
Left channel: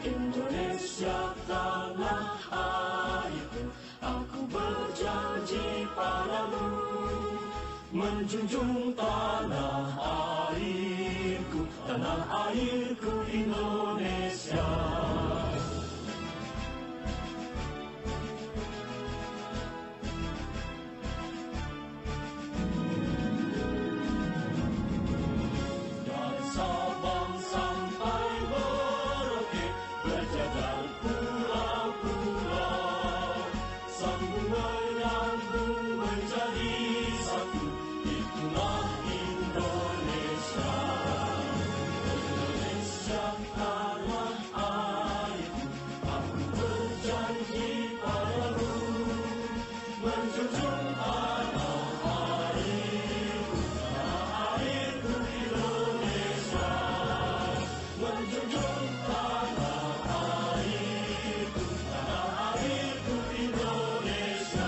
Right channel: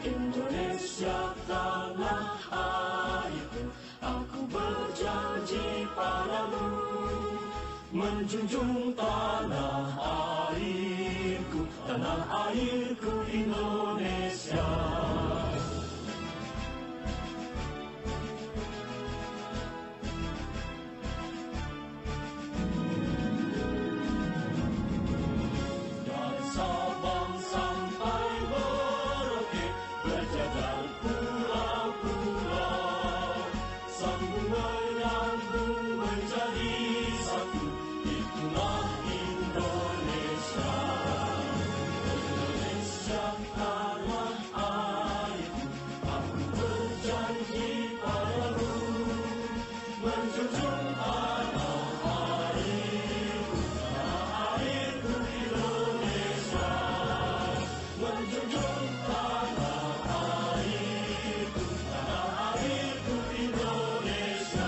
Indonesia tanah airku, aku berjanji padamu, menjunjung tanah airku Indonesia. Dari Sabang sampai Merauke, berjajar pulau-pulau, sambung menyambung menjadi satu, itulah Indonesia. Indonesia tanah airku, aku berjanji padamu, menjunjung tanah airku Indonesia, menjunjung tanah airku Indonesia.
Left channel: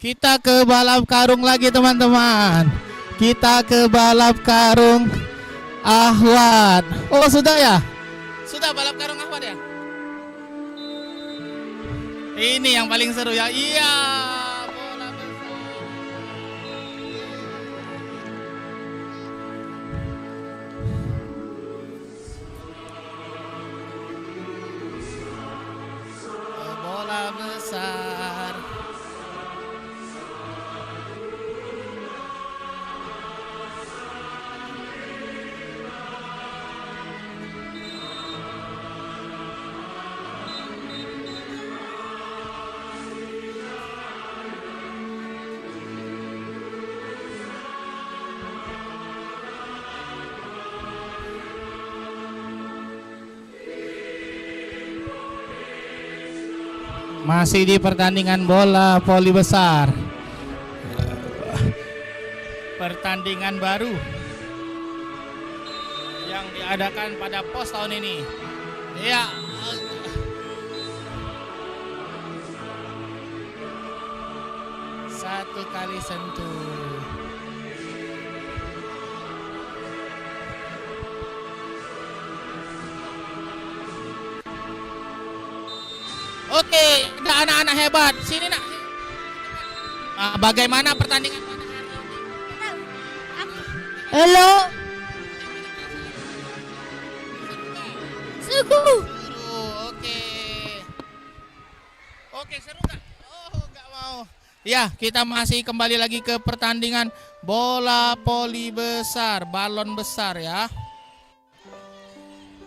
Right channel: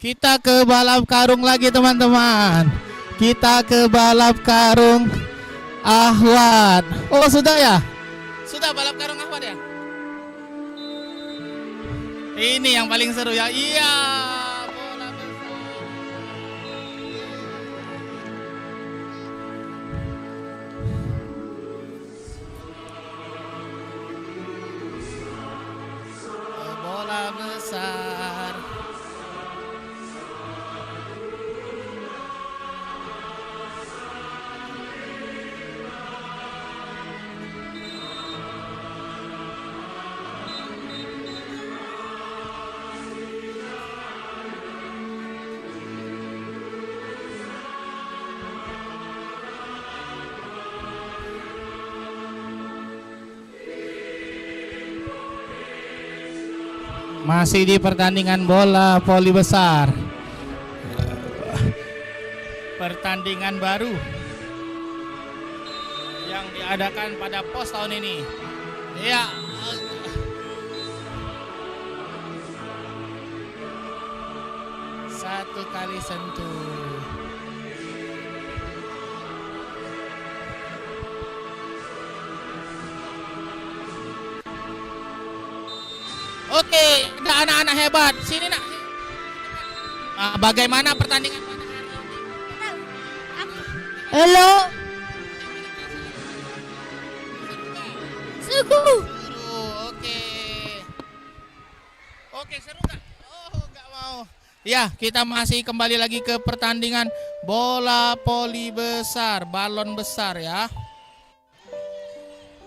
Kita ke balap karung lagi teman-teman. Kita ke balap karung Ahwat. Oh sudah ya? Sudah balap karung Ahwat ya? Ini yang paling seru ya. Iya. Bola besar. Bola besar. Masih di pertandingan bola voli besar. Pertandingan baru yang diadakan pada POS tahun ini. Ya. Satu kali sentuh. Oke, ada anak-anak hebat. Sini nak. Bagaimana pertandingan pada hari ini? Halo. Suku. Seru, oke. Oke, seru nggak? Oh, nggak mau. Ya, kita masih kembali lagi ke pertandingan bola voli besar, balon besar ya.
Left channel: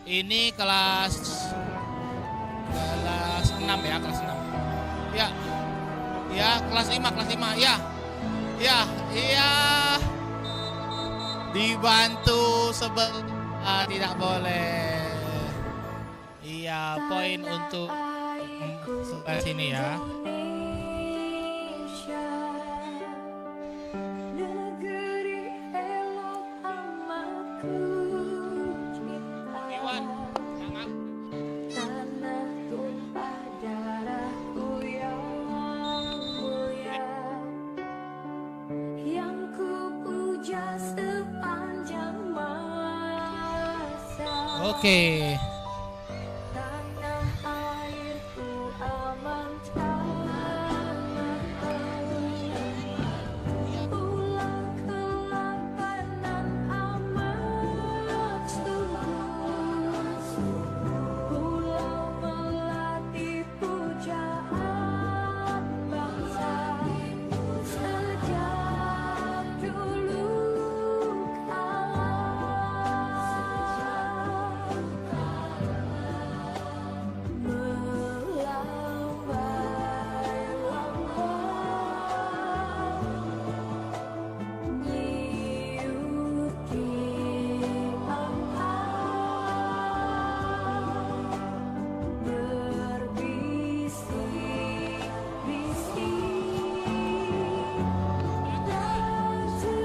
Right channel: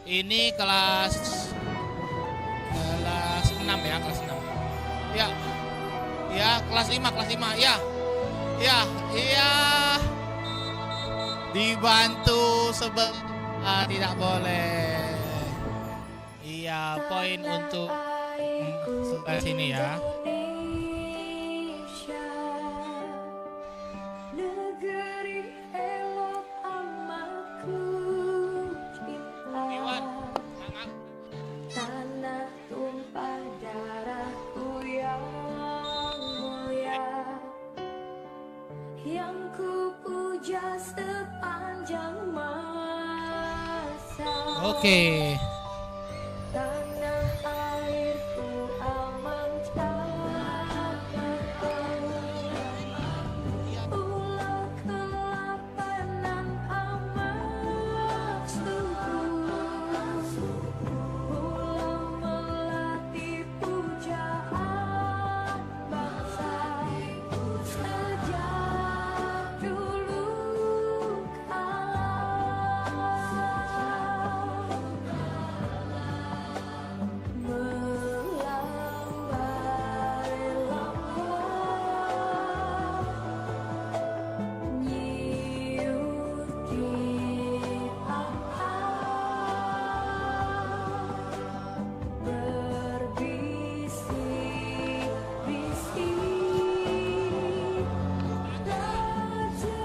Ini kelas 6 ya, kelas 6. Ya. Ya, kelas 5 ya. Ya, iya. Dibantu sebelah tidak boleh. Iya, poin untuk sebelah sini ya. Indonesia, negeri elok amat ku Iwan, cinta. semangat. Tanah tumpah darahku yang mulia, yang ku puja sepanjang masa. Oke. Tanah airku aman tanahku, pulau kelapanan amat subur, pulau melati pujaan bangsa sejak dulu kala. Melambai-lambai nyiut di angkasa, berbisik-bisik rajepana,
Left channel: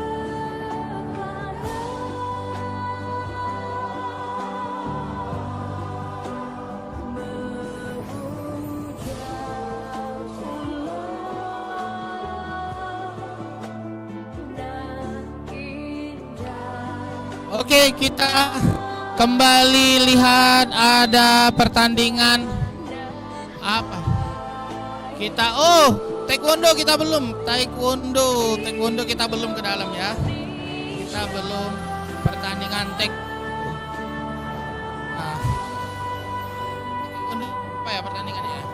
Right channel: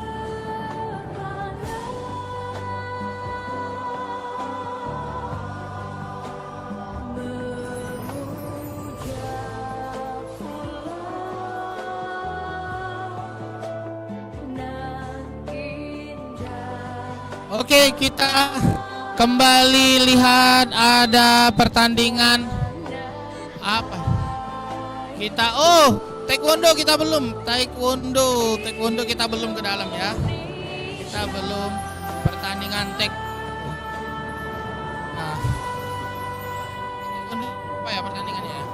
memuja pulau nan indah. Oke, kita kembali lihat ada pertandingan apa? Taekwondo kita belum. Taekwondo kita belum ke dalam ya. Kita belum pertandingan Nah, apa ya pertandingannya ya?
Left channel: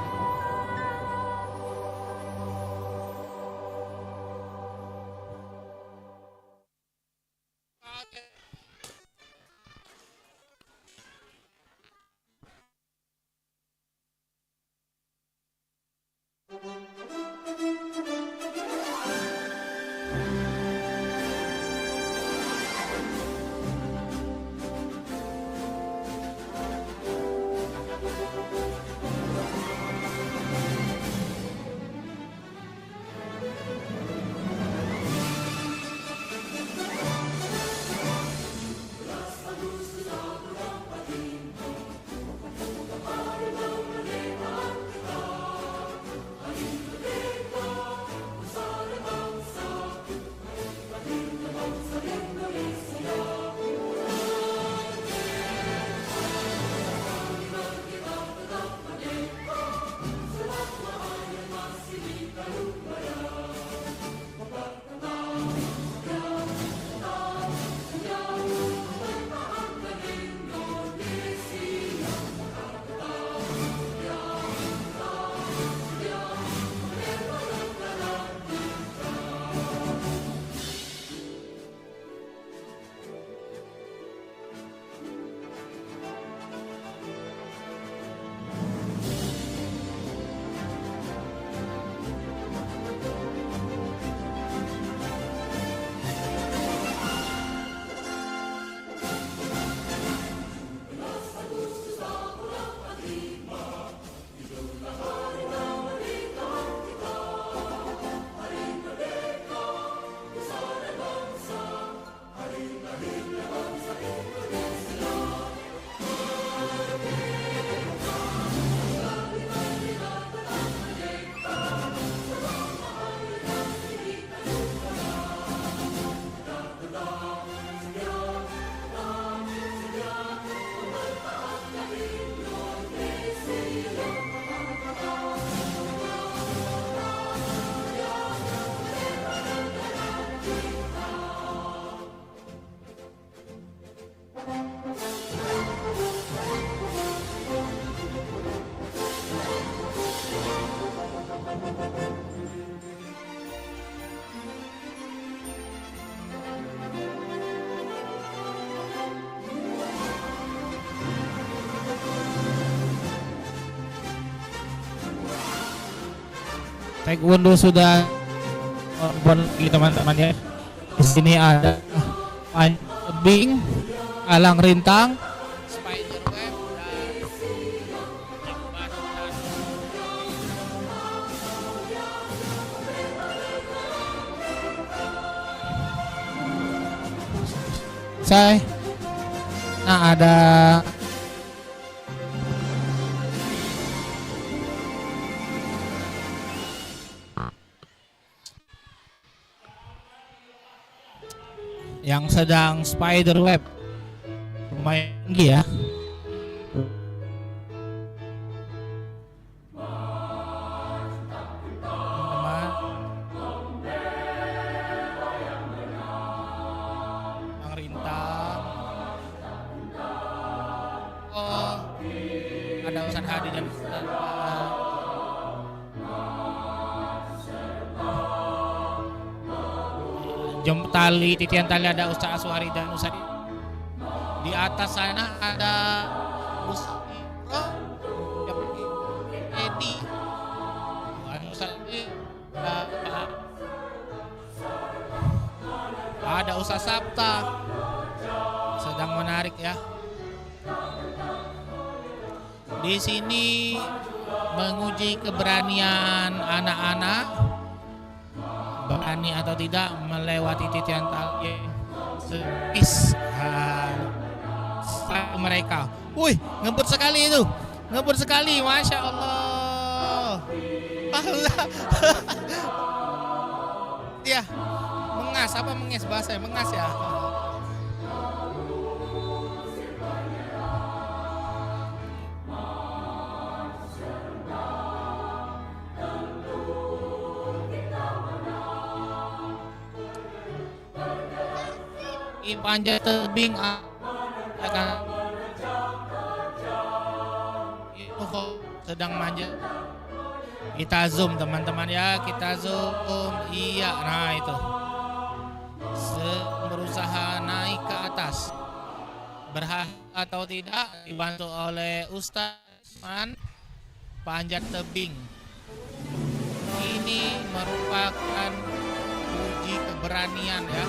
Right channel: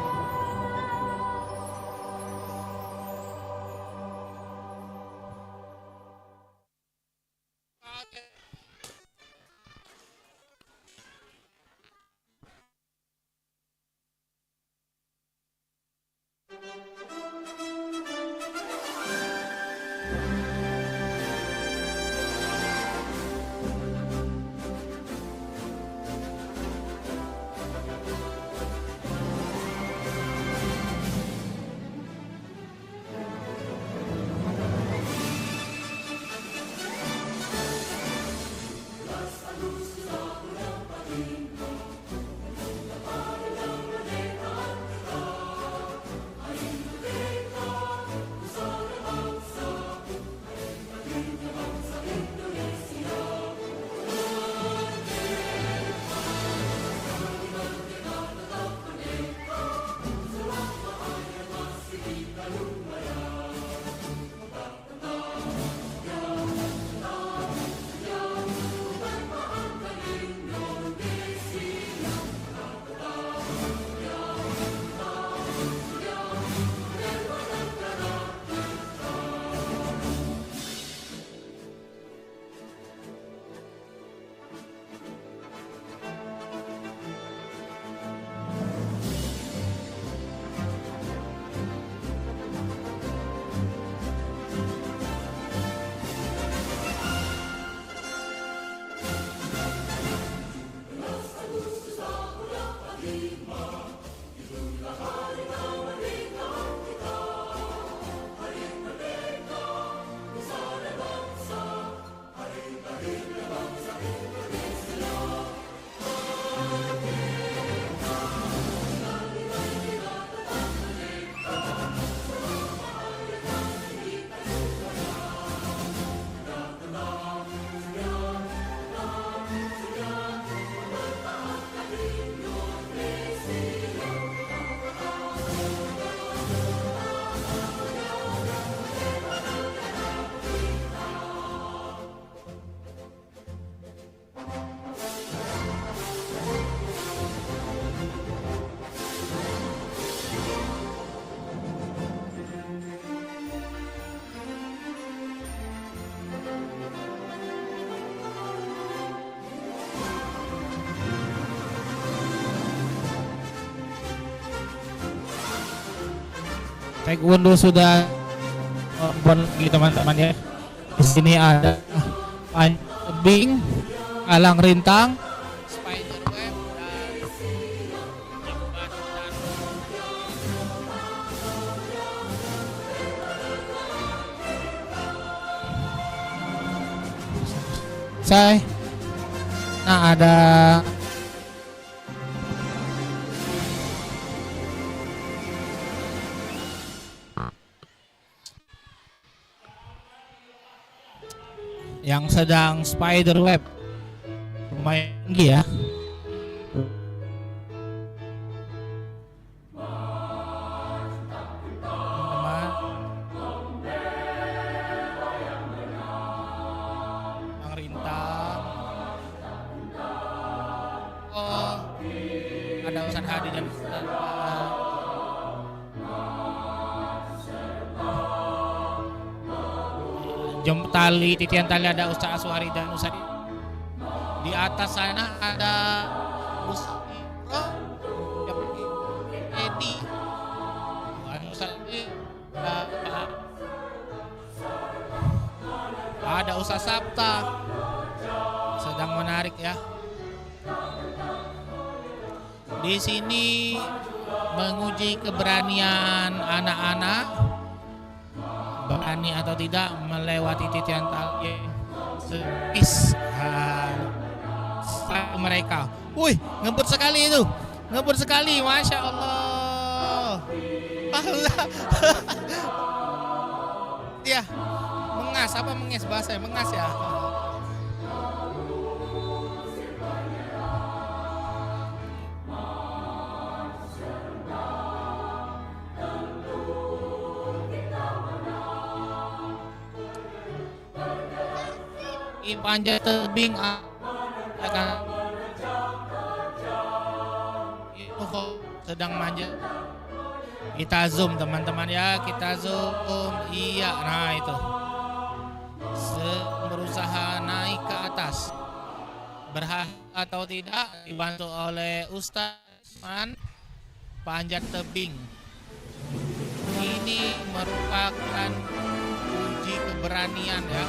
Taekwondo sudah outbound lagi teman-teman ya. Di sini ada panjat tebing, alang rintang, spider web dan jembatan. Nah ada yang sedang spider web, lumayan tinggi ya. Teman-teman, yang rintang. Oh, ada Ustaz Hadi dan Ustaz tali, titian tali ada Ustaz Aswari dan Ustaz. Di atas sana ada Ustaz Ibro yang Edi. Ada Ustaz ada Ustaz Sabta sedang menarik ya. Di sini menguji keberanian anak-anak, berani atau tidak melewati titian tali sepis mereka. Wih, ngebut sekali itu, ngebut sekali, masya Allah. Ya, mengas apa menges bahasa mengas ya. Di panjat tebing akan itu sedang manjat. Kita zoom teman-teman ya, kita zoom. Iya, nah itu berusaha naik ke atas, berhasil atau tidak dibantu oleh Ustaz Man. Panjat tebing ini merupakan uji keberanian ya.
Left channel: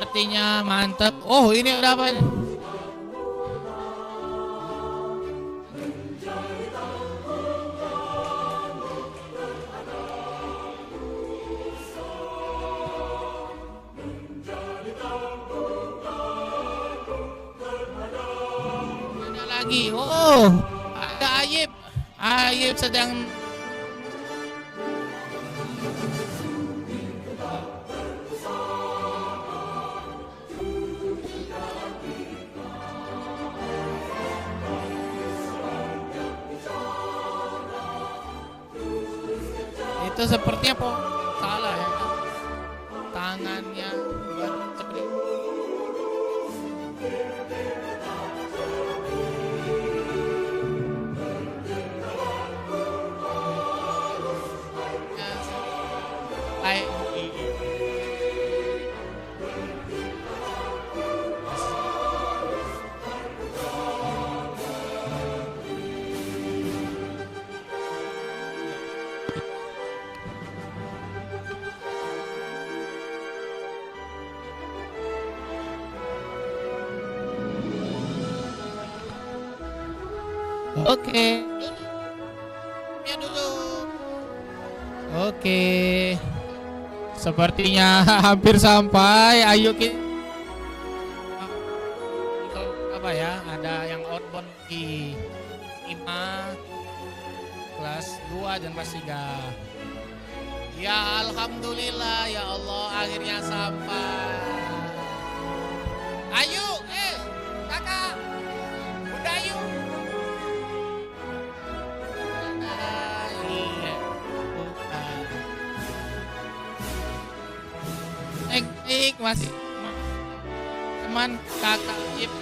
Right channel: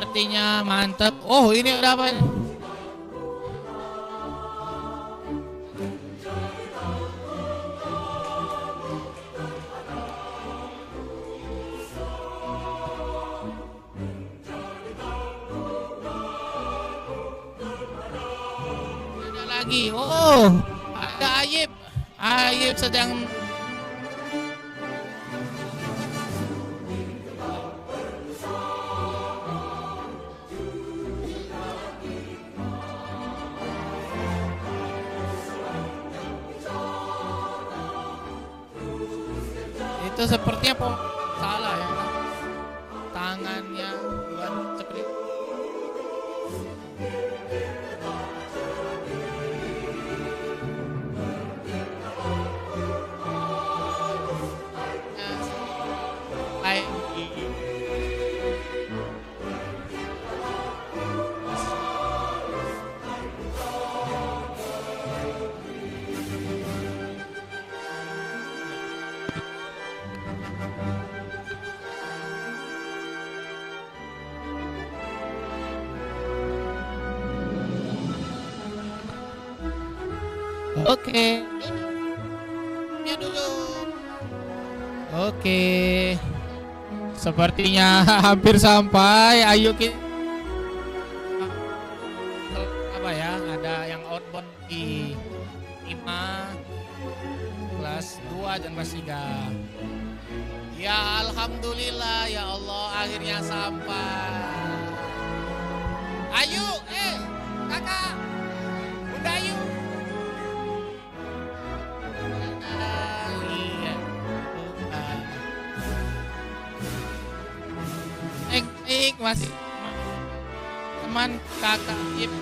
Sepertinya mantap. Oh, ini ada apa ini? Ada lagi. Oh, ada Ayib. Ayib sedang itu sepertinya salah ya, tangannya bukan seperti Oke. Ya dulu. Oke. Sepertinya hampir sampai. Ayo kita apa ya? Ada yang outbound di 5 kelas 2 dan kelas 3. Ya alhamdulillah ya Allah akhirnya sampai. Ayo, kakak, Bunda Ayu. Masih teman kakak Ip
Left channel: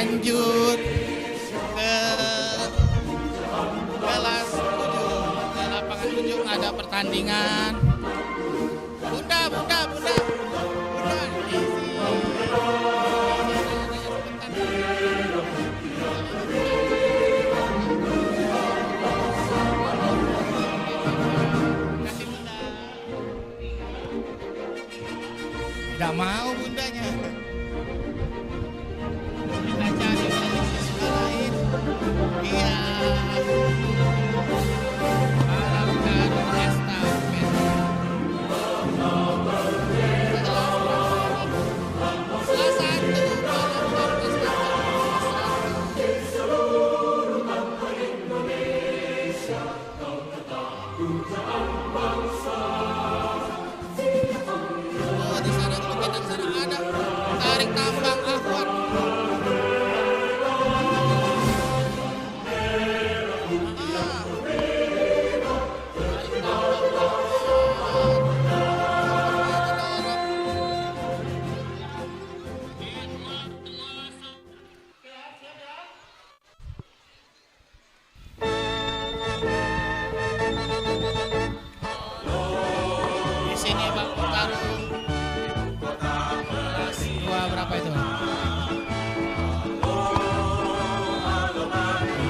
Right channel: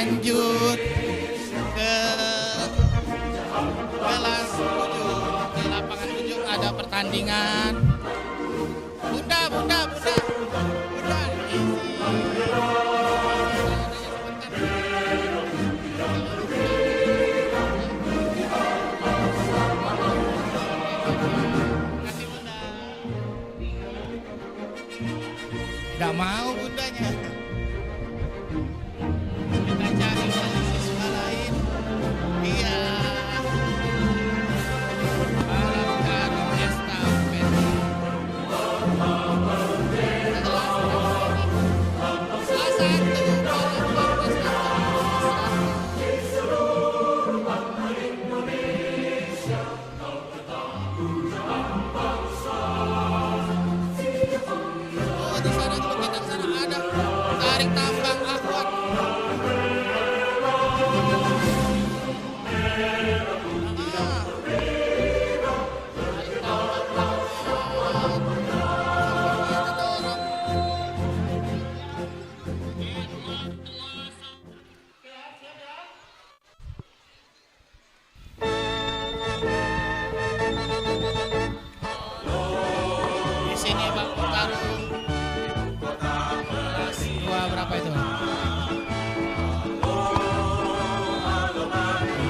lanjut ke kelas ujung, ke lapangan ujung ada pertandingan. Bunda, isi tanya-tanya sebentar. Kasih bunda. Tidak mau bundanya. Kita cari wali siswa lain. Iya. Balap karung estafet. Salah satu balap karung estafet. Oh, di sana dulu kita ke sana ada tarik tambang akwat. Ah. Tarik tambang akwat. Seperti itu dorong. Di sini Bang Tarung. Kelas 2 berapa itu?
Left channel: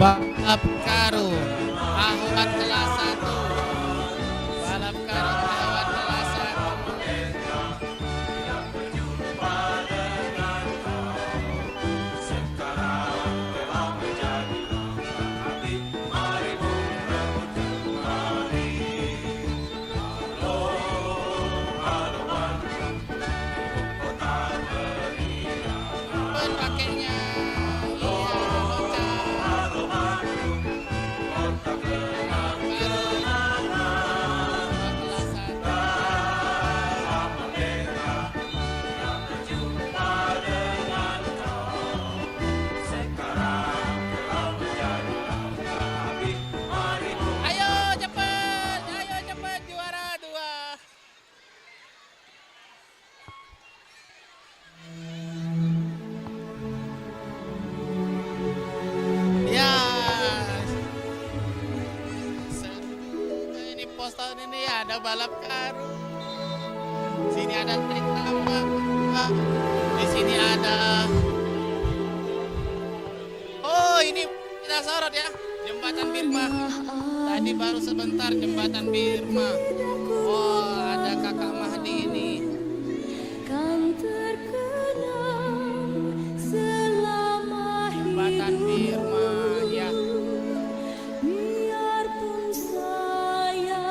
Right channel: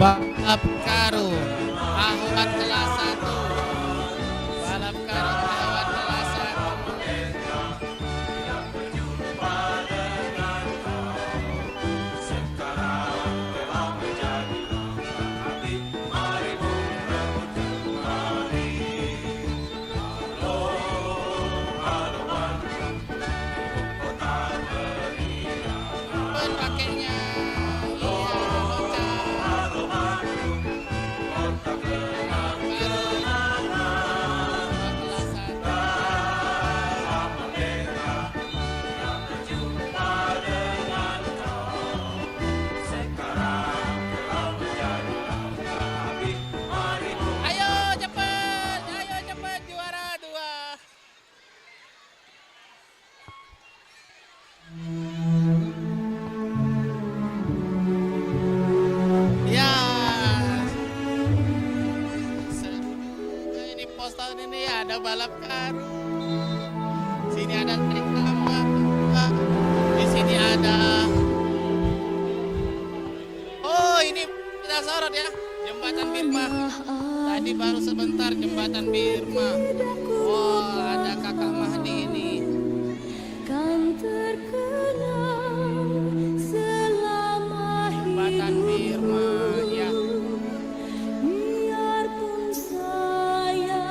Balap karung Ahwat kelas 1. Balap karung Ahwat kelas 1. Pakainya ayo cepet juara 2. Ya, seru juga ini pos tahun ini ya, ada balap karung. Sini ada trik tambang. Di sini ada. Oh, ini kita sorot ya, jembatan Birma. Tadi baru sebentar jembatan Birma. Oh, ada Kakak Mahdi ini. Kan terkenang selama Jembatan Birma ya. biarpun saya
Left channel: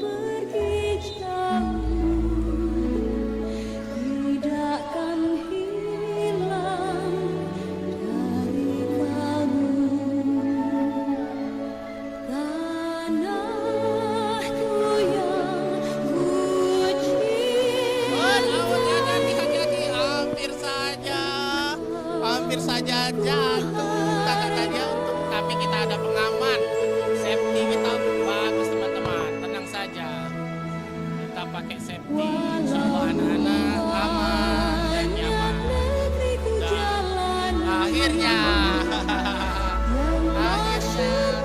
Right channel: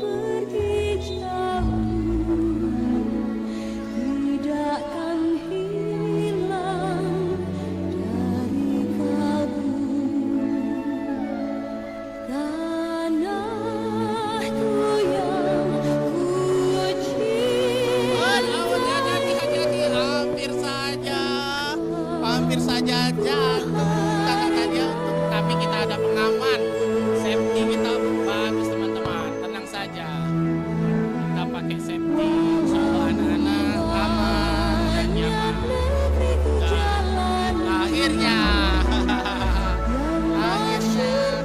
pergi jauh, tidakkan hilang dari kalbu. Tanahku yang ku Oh, cinta. hati-hati, hampir saja jatuh kakak-kakaknya tapi kita ada pengaman, safety kita bagus teman-teman, tenang saja, kita pakai safety, insya Allah anak-anak aman dan nyaman. Negeriku Dan jalani akhirnya yang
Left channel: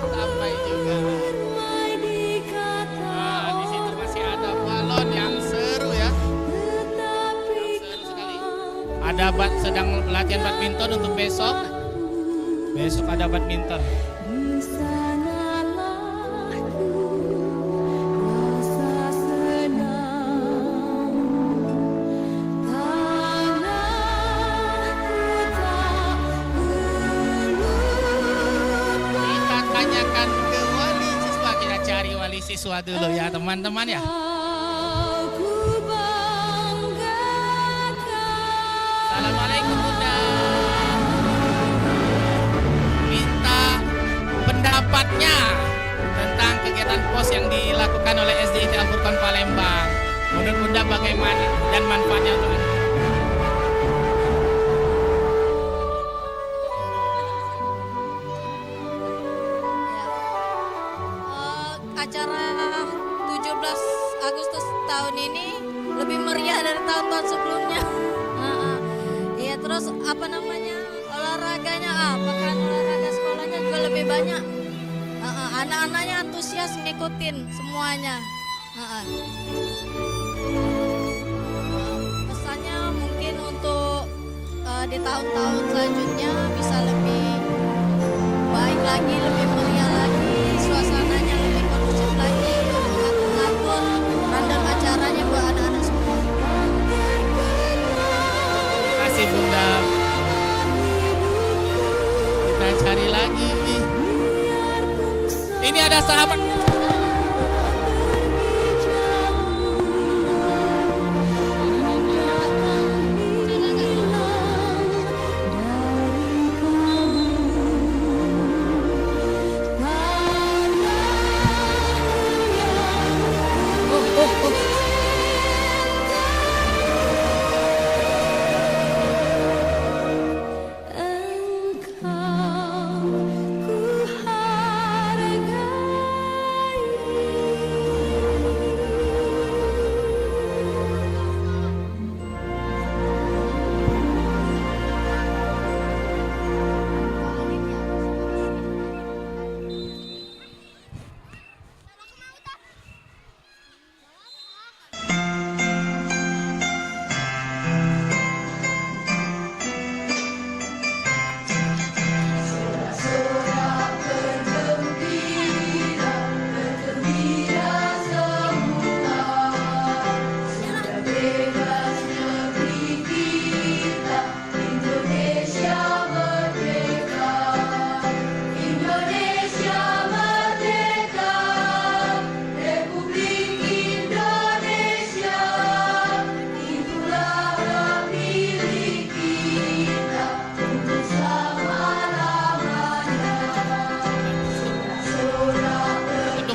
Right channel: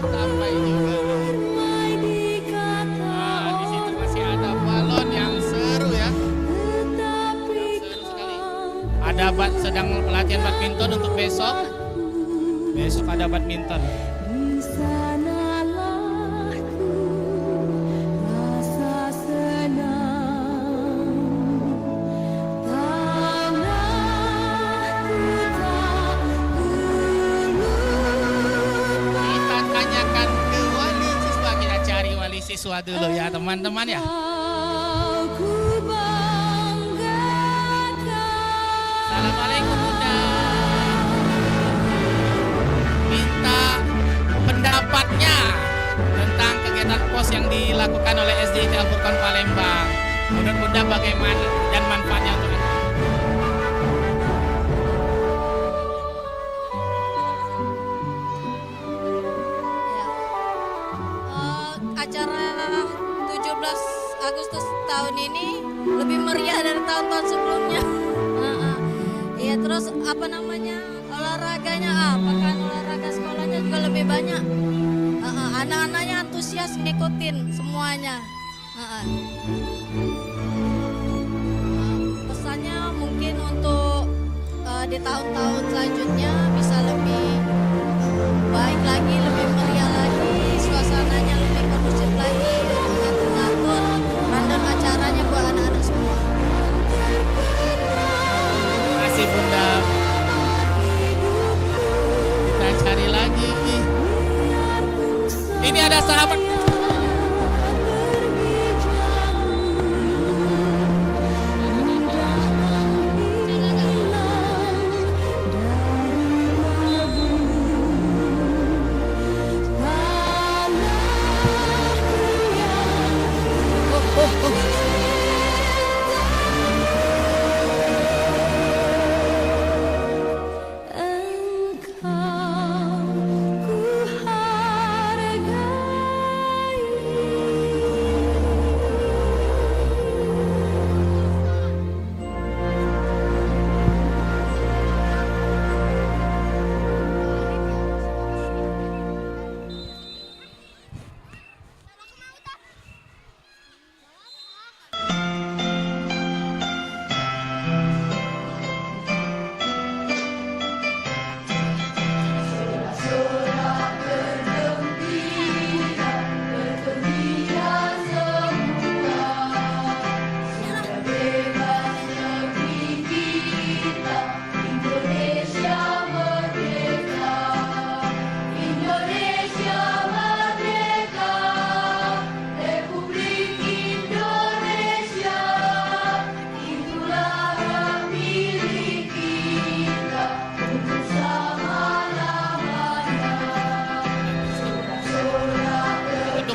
sampai juga. ramai dikata Nah, di situ masih ada balon yang seru ya. tetapi Seru sekali. Ada sedang latihan badminton untuk besok. Besok ada badminton. di sanalah ku rasa senang. Tanahku tak ku lupa. Kita tanyakan ke wali siswa, kita cari wali siswa dulu ya teman-teman ya. Ku banggakan. Assalamualaikum Bunda. Minta pendapatnya tentang kegiatan pos yang dilakukan oleh SDIT Al-Furqan Palembang. Menurut Bunda bagaimana dan manfaatnya untuk anak? Ya. Acara 17 Agustus tahun ini lebih meriah dari tahun-tahun sebelumnya. Iya, terus apa namanya? olahraganya apa kan, olahraga sekolahnya juga lebih banyak. Anak-anaknya antusias ngikutin semuanya. Pesannya mungkin untuk di tahun-tahun selanjutnya bisa lebih baik lagi, lebih meriah lagi, suasananya lebih kondusif lagi, untuk ngatur-ngatur rundown acaranya buat anak-anak semua. Terima kasih Bunda. Kita cari lagi. Ini ada sahabat.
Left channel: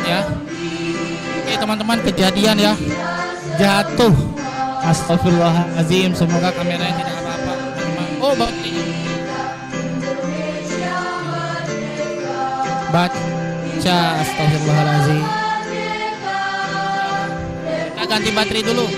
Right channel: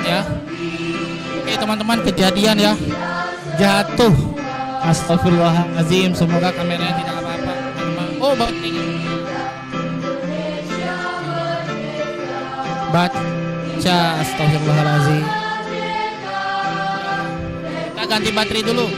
Ya. Oke teman-teman, kejadian ya, jatuh. Astagfirullahaladzim, semoga kameranya tidak apa-apa. Oh, baca, astagfirullahaladzim. Kita ganti baterai dulu.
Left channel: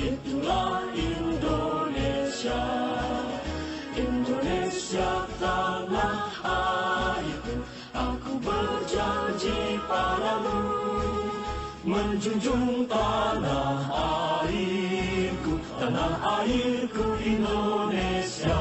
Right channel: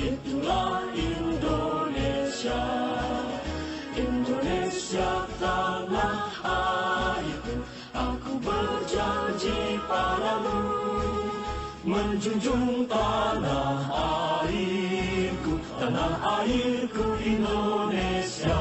Itulah Indonesia, Indonesia tanah airku. Aku berjanji padamu, menjunjung tanah airku, tanah airku Indonesia.